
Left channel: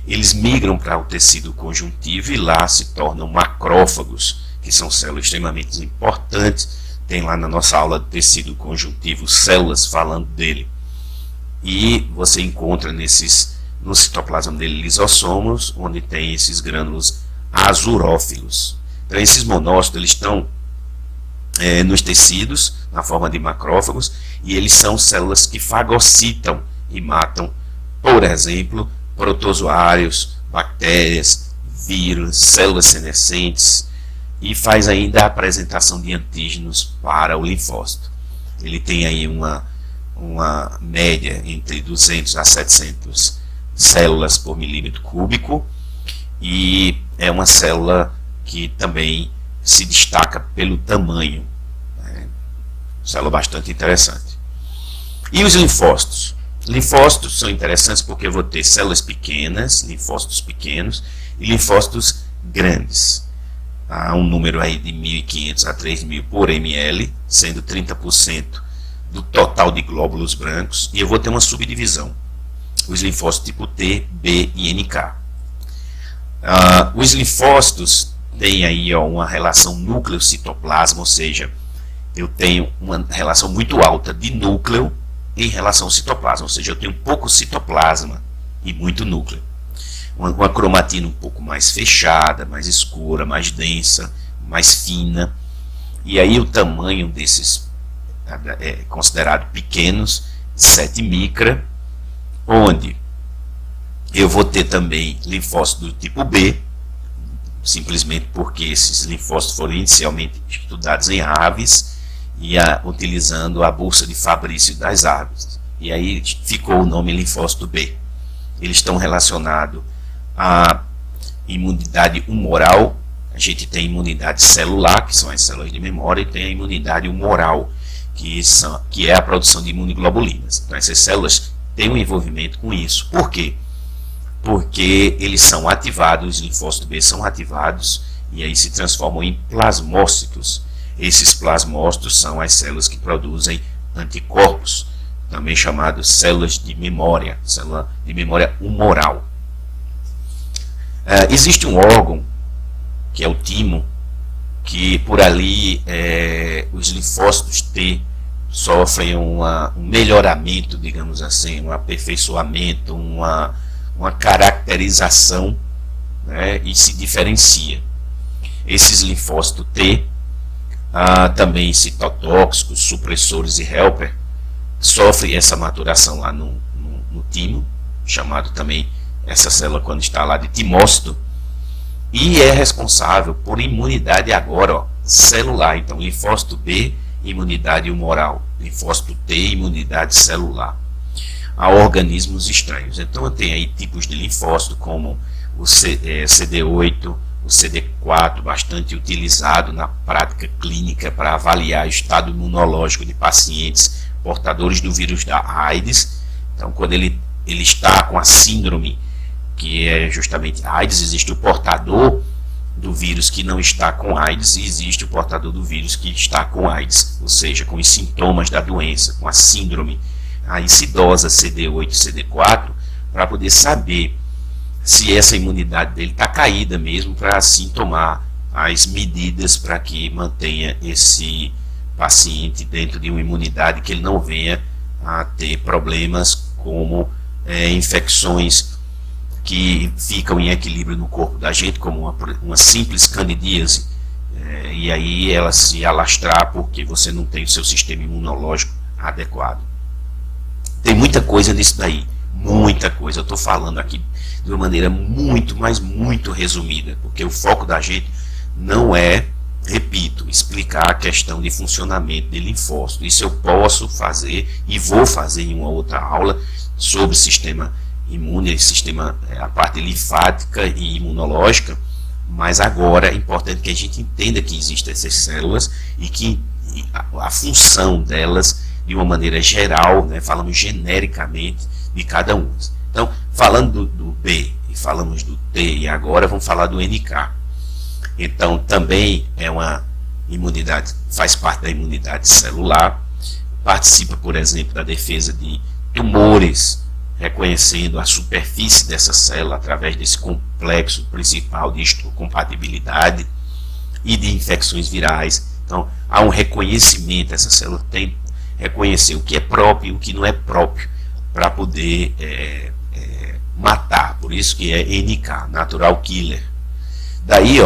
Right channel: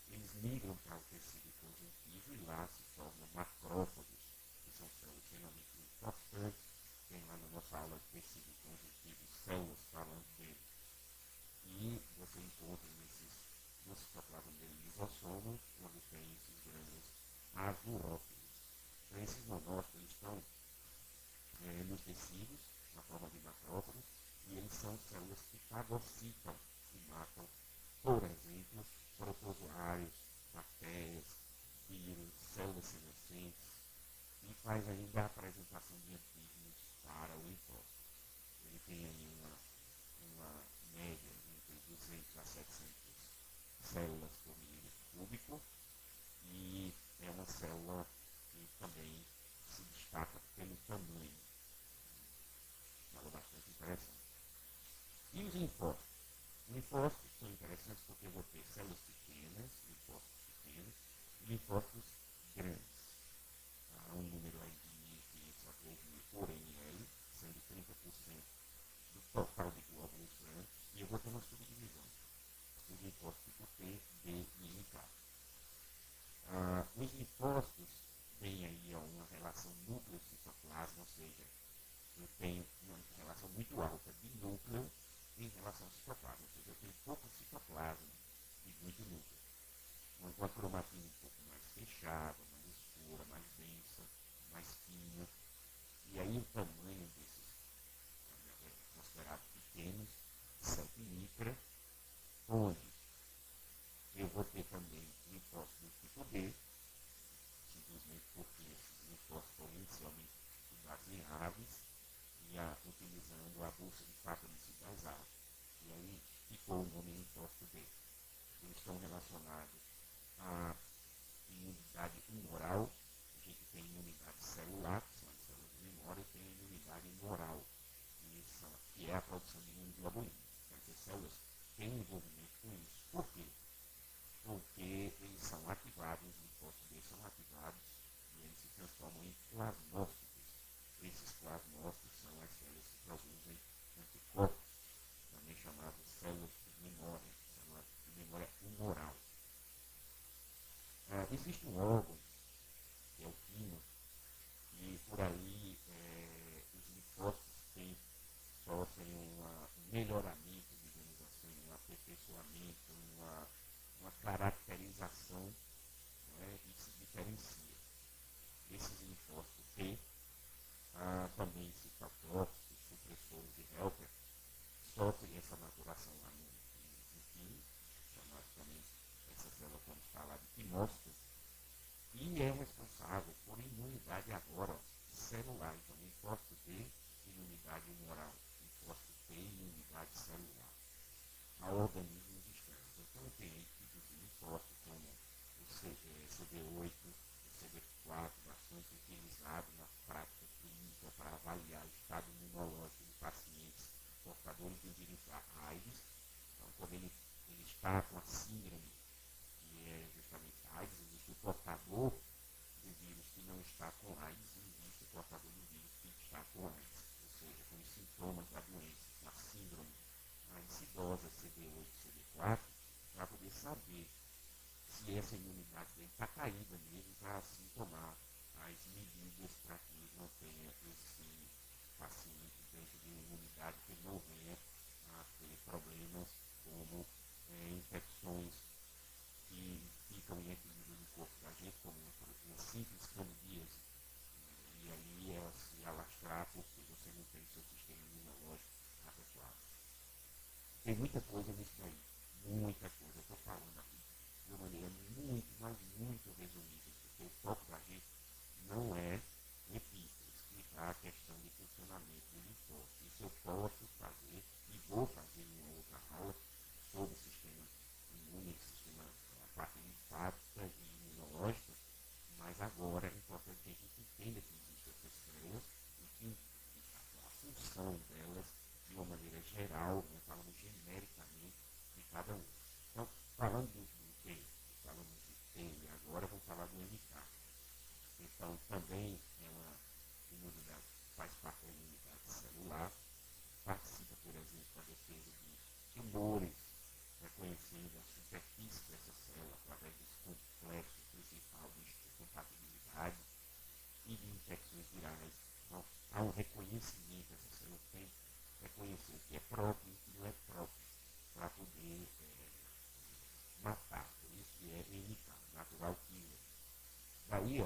Eles migram para o tecido conjuntivo e lá se tornam macrófagos, que são células extremamente importantes. Tem lá na nossa aula de tecido conjuntivo células falando dele. E você encontra no citoplasma dele lisossomos, onde tem esses grânulos azurófilos. Então esses monócitos eles estão nos tecidos, na forma de macrófagos, e eles são células que fagocitam e matam, por exemplo, protozoários, bactérias, vírus, células senescentes, e faz ainda a apresentação de antígenos para o linfócito. Ele tem aí uma média entre 200 a 700 células por milímetro cúbico, e é uma célula que também se destaca pelo tamanho, né? Célula bastante interessante. E os linfócitos? Linfócitos são interessantes porque eu vou ter células pequenas, linfócitos pequenos, e linfócitos grandes. Há um número aí de 1.500 a 3.000 por ml, sendo 30% do total de glóbulos brancos, e eu vou ter uma subdivisão, os linfócitos tipo T, B e NK. Os linfócitos têm aí uma relação núcleo-citoplasma, ou seja, eu tenho uma relação muito alta de núcleo em relação ao citoplasma, ou seja, eu tenho pouco citoplasma e muito núcleo. Uma cromatina um pouco mais fechada, mais escura, mais densa, mais fina. E aí o tamanho desses é considerado pequenos, 7 micra, onde eu vou ter também linfócitos do tipo B, simplesmente porque esses linfócitos foram inicialmente estudados em aves, e utilizando a bolsa de Fabrício das aves. E aí ficou o nome linfócito B. Eles estão relacionados à imunidade humoral. A gente tem imunidade celular, que são as células de memória, e tem a imunidade humoral, que é a produção de imunoglobulinas. Então essas células têm um envolvimento com isso. Por quê? Porque eles são ativados, os linfócitos B são ativados, e aí se transformam em plasmócitos. Esses plasmócitos são as células que produzem anticorpos, também chamados células de memória, célula de memória humoral. Existe um órgão, que é o timo, que por ali os linfócitos T sofrem um melhoramento, digamos assim, um aperfeiçoamento, uma caracterização, né, e se diferencia. Esses linfócitos T, também citotóxicos, supressores e helper, sofrem essa maturação lá no timo, chamado também essa célula quando está lá de timócito, e é responsável por imunidade agora celular. Então linfócito B, imunidade humoral, linfócito T, imunidade celular a organismos estranhos. Então eu tenho aí tipos de linfócito como o CD8, o CD4, bastante utilizado na prática clínica para avaliar o estado imunológico de pacientes portadores do vírus da AIDS. Então, quando ele está com a síndrome, que é justamente AIDS, existe o portador do vírus que não está com AIDS e existe o portador do vírus que está com AIDS, ou seja, com os sintomas da doença, com a síndrome, a incidosa CD8 e CD4, para poder saber se essa imunidade dele está caída mesmo, para assim tomar as medidas para que mantenha esse paciente dentro de uma imunidade, que ele não venha a ter problemas como infecções que ficam em equilíbrio no corpo da gente, como uma simples candidíase, e aí ela se alastrar porque você não tem o seu sistema imunológico adequado. Tem muita coisa nisso daí, muita coisa. Eu estou falando aqui de uma maneira muito, mas muito resumida, porque o foco da gente não é, repito, explicar a questão de funcionamento de linfócito. Isso eu posso fazer e vou fazer em uma outra aula sobre sistema imune, a parte linfática e imunológica, mas agora é importante que a gente entenda que existem essas células e que a função delas, de uma maneira geral, né, falamos genericamente de cada uma. Então, falando do B e falamos do T, e agora vamos falar do NK. Então, também é uma imunidade, faz parte da imunidade celular, participa, por exemplo, da defesa de tumores, reconhecendo a superfície dessa célula através desse complexo principal de histocompatibilidade e de infecções virais. Então, há um reconhecimento, essa célula tem que reconhecer o que é próprio e o que não é próprio para poder matar. Por isso que é NK, Natural Killer. Daí,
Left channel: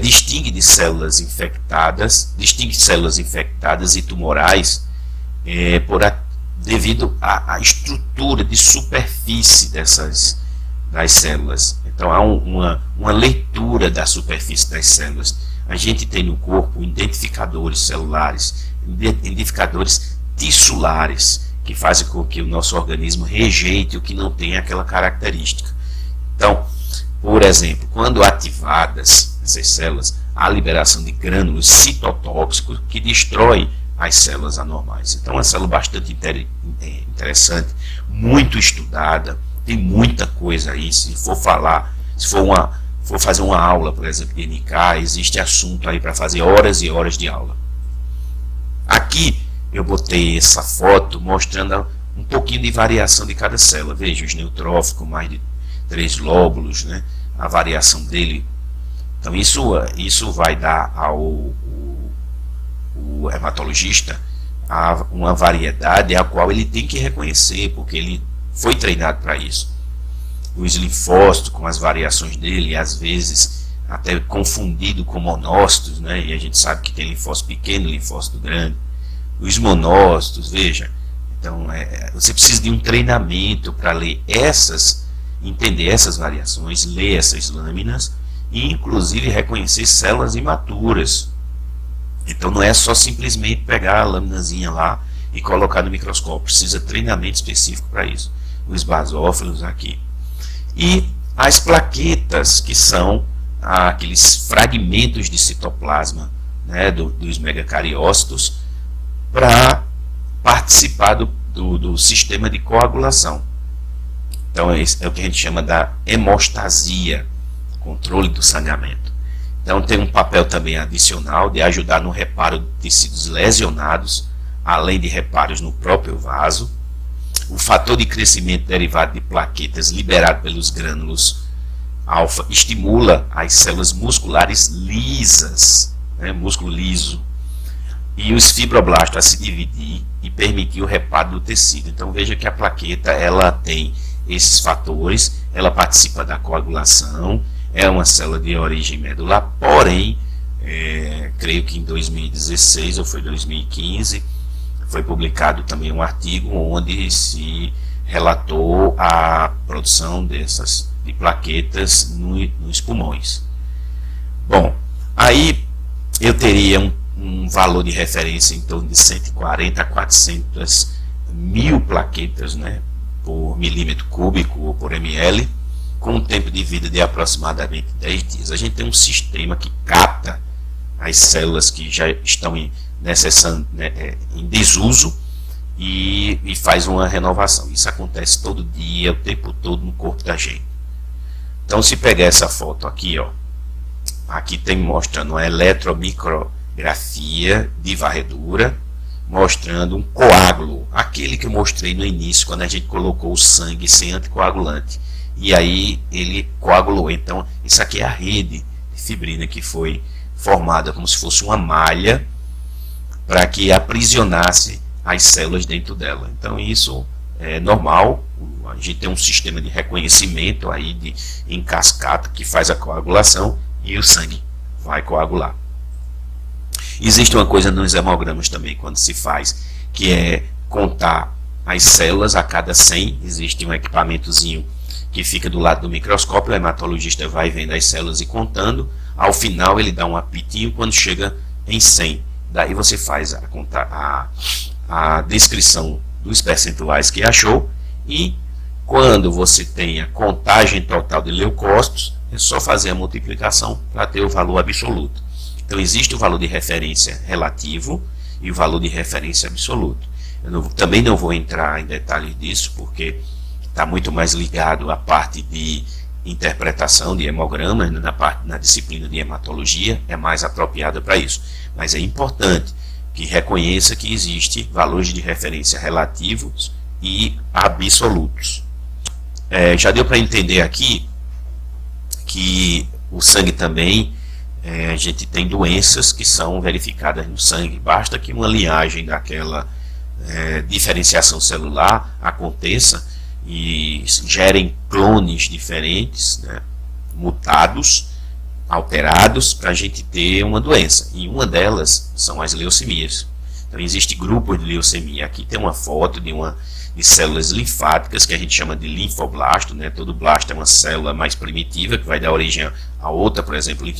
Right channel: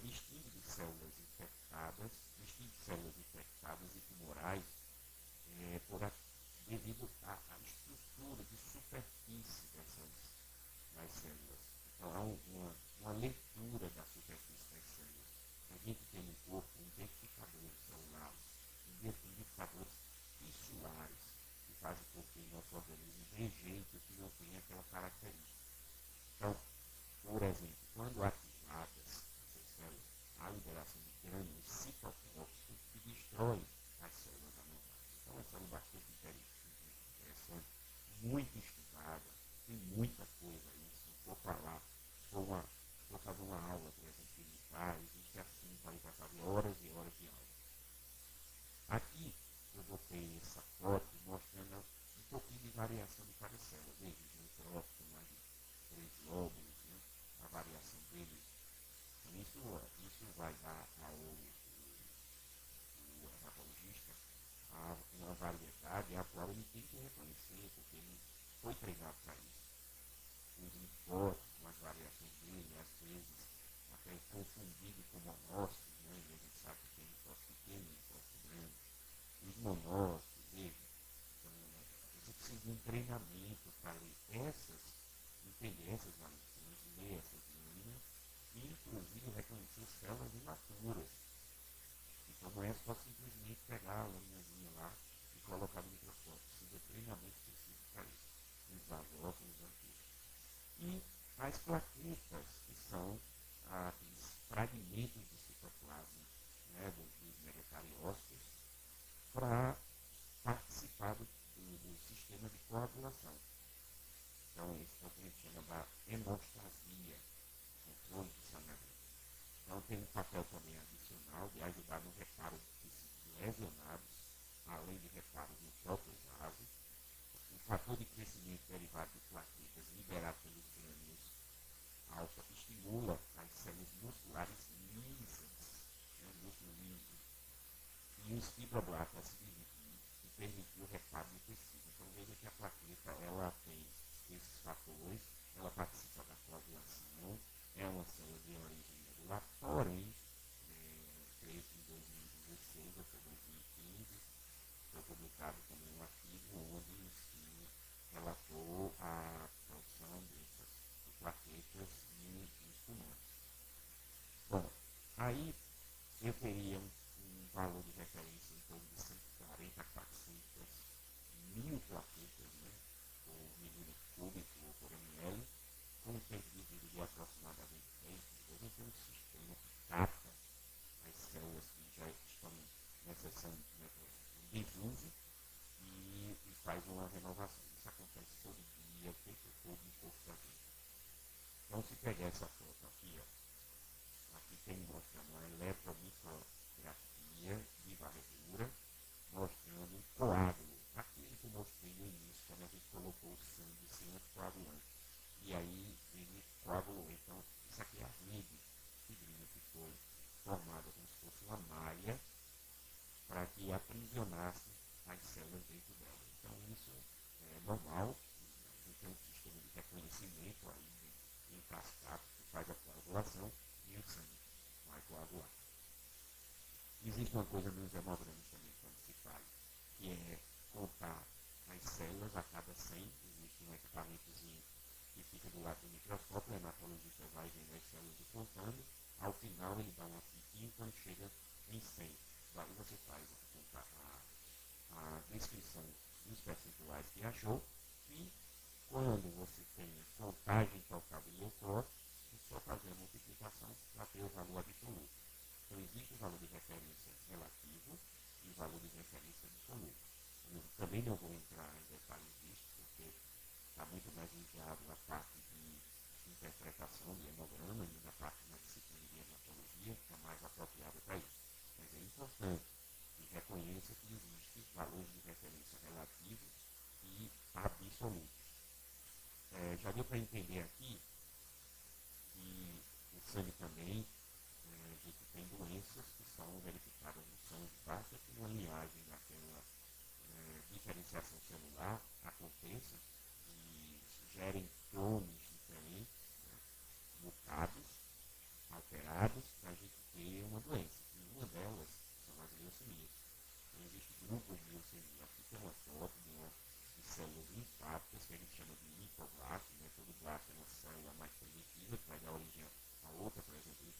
distingue células infectadas e tumorais devido à estrutura de superfície das células. Então há uma leitura da superfície das células. A gente tem no corpo identificadores celulares, identificadores tissulares, que fazem com que o nosso organismo rejeite o que não tem aquela característica. Então, por exemplo, quando ativadas essas células, há liberação de grânulos citotóxicos que destrói as células anormais. Então é uma célula bastante interessante, muito estudada, tem muita coisa aí. Se for fazer uma aula, por exemplo, de NK, existe assunto aí para fazer horas e horas de aula. Aqui eu botei essa foto mostrando um pouquinho de variação de cada célula. Veja, os neutrófilos, mais de 3 lóbulos, né? A variação dele. Então isso vai dar ao hematologista uma variedade a qual ele tem que reconhecer, porque ele foi treinado para isso. Os linfócitos, com as variações dele, às vezes até confundido com monócitos, né? E a gente sabe que tem linfócito pequeno e linfócito grande. Os monócitos, veja, então você precisa de um treinamento para ler entender essas variações, ler essas lâminas e inclusive reconhecer células imaturas. Então não é só simplesmente pegar a laminazinha lá e colocar no microscópio, precisa de treinamento específico para isso. Os basófilos aqui. E as plaquetas, que são aqueles fragmentos de citoplasma, né, dos megacariócitos, para participar do sistema de coagulação. Então é o que a gente chama da hemostasia, controle do sangramento. Então tem um papel também adicional de ajudar no reparo de tecidos lesionados, além de reparos no próprio vaso. O fator de crescimento derivado de plaquetas liberado pelos grânulos alfa estimula as células musculares lisas, né, músculo liso, e os fibroblastos a se dividir e permitir o reparo do tecido. Então veja que a plaqueta ela tem esses fatores, ela participa da coagulação, é uma célula de origem medular, porém, creio que em 2016 ou foi 2015, foi publicado também um artigo onde se relatou a produção de plaquetas nos pulmões. Bom, aí eu teria um valor de referência em torno de 140 a 400 mil plaquetas, né, por milímetro cúbico ou por ml, com um tempo de vida de aproximadamente 10 dias. A gente tem um sistema que capta as células que já estão em desuso e faz uma renovação. Isso acontece todo dia, o tempo todo no corpo da gente. Então, se pegar essa foto aqui, aqui tem mostrando uma eletromicrografia de varredura, mostrando um coágulo, aquele que eu mostrei no início, quando a gente colocou o sangue sem anticoagulante. E aí ele coagulou. Então, isso aqui é a rede de fibrina que foi formada como se fosse uma malha para que aprisionasse as células dentro dela. Então, isso é normal. A gente tem um sistema de reconhecimento aí em cascata que faz a coagulação e o sangue vai coagular. Existe uma coisa nos hemogramas também, quando se faz, que é contar as células a cada 100, existe um equipamentozinho que fica do lado do microscópio, o hematologista vai vendo as células e contando, ao final ele dá um apitinho quando chega em 100, daí você faz a descrição dos percentuais que achou, e quando você tem a contagem total de leucócitos, é só fazer a multiplicação para ter o valor absoluto. Então existe o valor de referência relativo e o valor de referência absoluto. Também não vou entrar em detalhes disso, porque está muito mais ligado à parte de interpretação de hemogramas, na disciplina de hematologia, é mais apropriada para isso. Mas é importante que reconheça que existe valores de referência relativos e absolutos. Já deu para entender aqui que o sangue também, a gente tem doenças que são verificadas no sangue. Basta que uma linhagem daquela diferenciação celular aconteça e gerem clones diferentes, né, mutados, alterados, para a gente ter uma doença. E uma delas são as leucemias. Então existe grupos de leucemia. Aqui tem uma foto de células linfáticas que a gente chama de linfoblasto, né? Todo blasto é uma célula mais primitiva que vai dar origem a outra, por exemplo,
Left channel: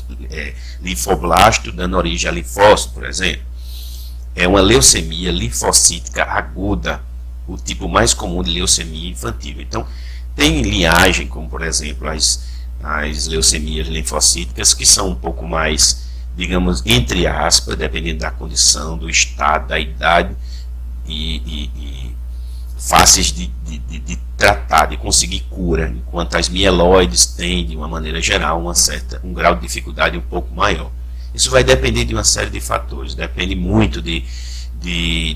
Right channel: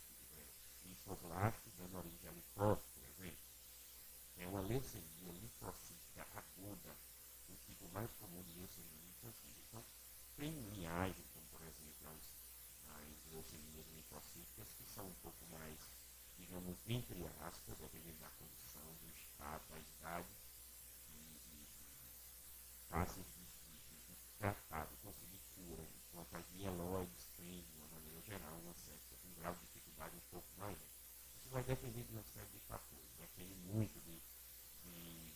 linfoblasto dando origem a linfócito, por exemplo. É uma leucemia linfocítica aguda, o tipo mais comum de leucemia infantil. Então tem linhagem, como por exemplo as leucemias linfocíticas, que são um pouco mais, digamos, entre aspas, dependendo da condição, do estado, da idade e fáceis de tratar, de conseguir cura, enquanto as mieloides têm, de uma maneira geral, um grau de dificuldade um pouco maior. Isso vai depender de uma série de fatores, depende muito de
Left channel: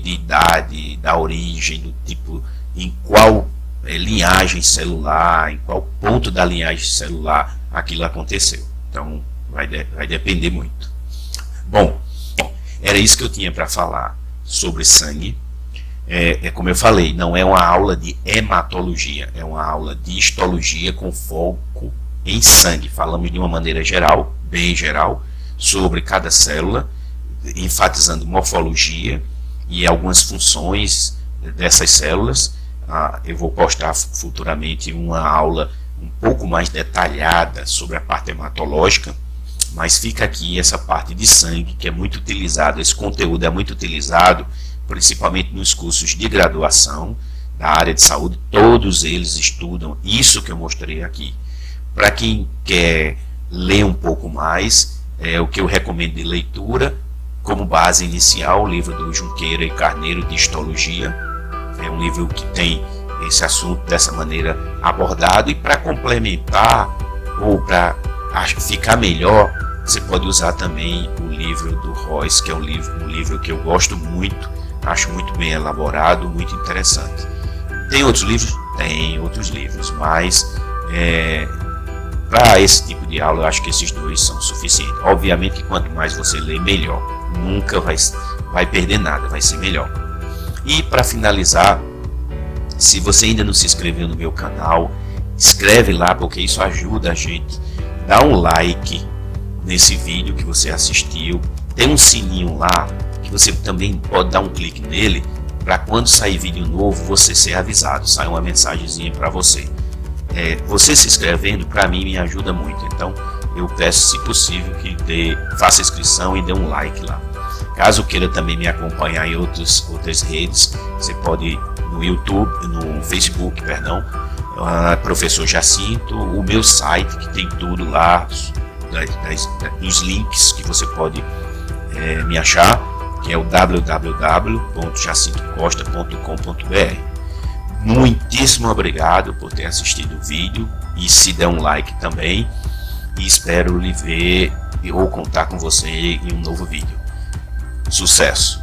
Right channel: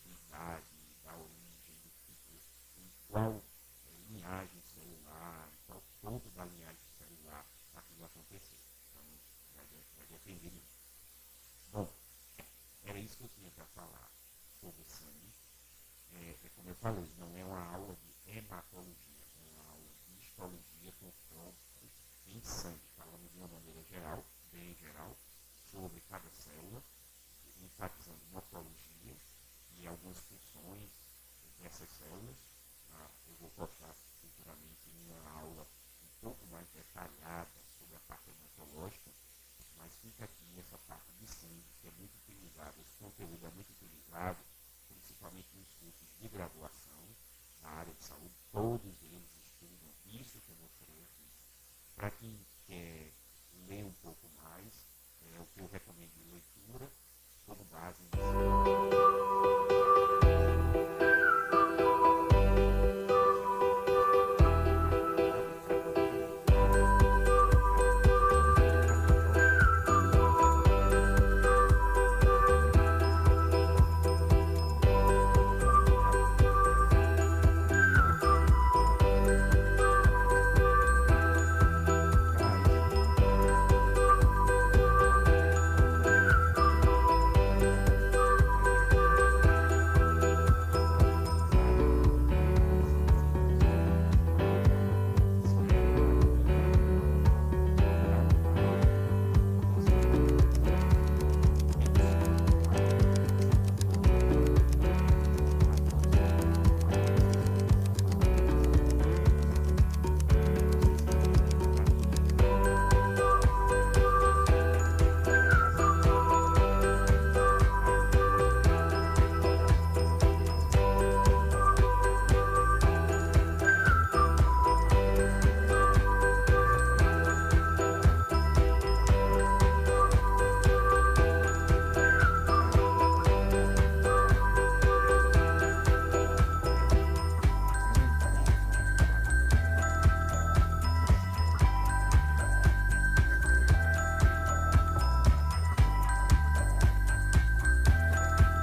idade, da origem, do tipo, em qual linhagem celular, em qual ponto da linhagem celular aquilo aconteceu. Então vai depender muito. Bom, era isso que eu tinha para falar sobre sangue. Como eu falei, não é uma aula de hematologia, é uma aula de histologia com foco em sangue. Falamos de uma maneira geral, bem geral, sobre cada célula, enfatizando morfologia e algumas funções dessas células. Eu vou postar futuramente uma aula um pouco mais detalhada sobre a parte hematológica, mas fica aqui essa parte de sangue que é muito utilizado, esse conteúdo é muito utilizado principalmente nos cursos de graduação da área de saúde. Todos eles estudam isso que eu mostrei aqui. Para quem quer ler um pouco mais, o que eu recomendo de leitura, como base inicial, o livro do Junqueira e Carneiro de Histologia. É um livro que tem esse assunto dessa maneira abordado, e para complementar ou para ficar melhor, você pode usar também o livro do Royce, que é um livro que eu gosto muito, acho muito bem elaborado, muito interessante. Tem outros livros? Tem outros livros, mas para esse tipo de aula eu acho que esses dois são suficientes. Obviamente que quanto mais você lê, melhor. Nunca vai perder nada, vai ser melhor. E para finalizar, se você ainda não se inscreveu no meu canal, inscreve lá, porque isso ajuda a gente. Dá um like nesse vídeo que você assistiu, tem um sininho lá que você também pode dar um clique nele, para quando sair vídeo novo você ser avisado, sai uma mensagenzinha para você. Você se inscrevendo para mim me ajuda muito, então eu peço, se possível, que faça inscrição e dê um like lá. Caso queira também me acompanhar em outras redes, você pode ir no YouTube, no Facebook, perdão, Professor Jacinto, o meu site que tem tudo lá, dos links que você pode me achar, que é o www.jacintocosta.com.br. Muitíssimo obrigado por ter assistido o vídeo, e se der um like também, e espero lhe ver ou contar com você em um novo vídeo. Sucesso!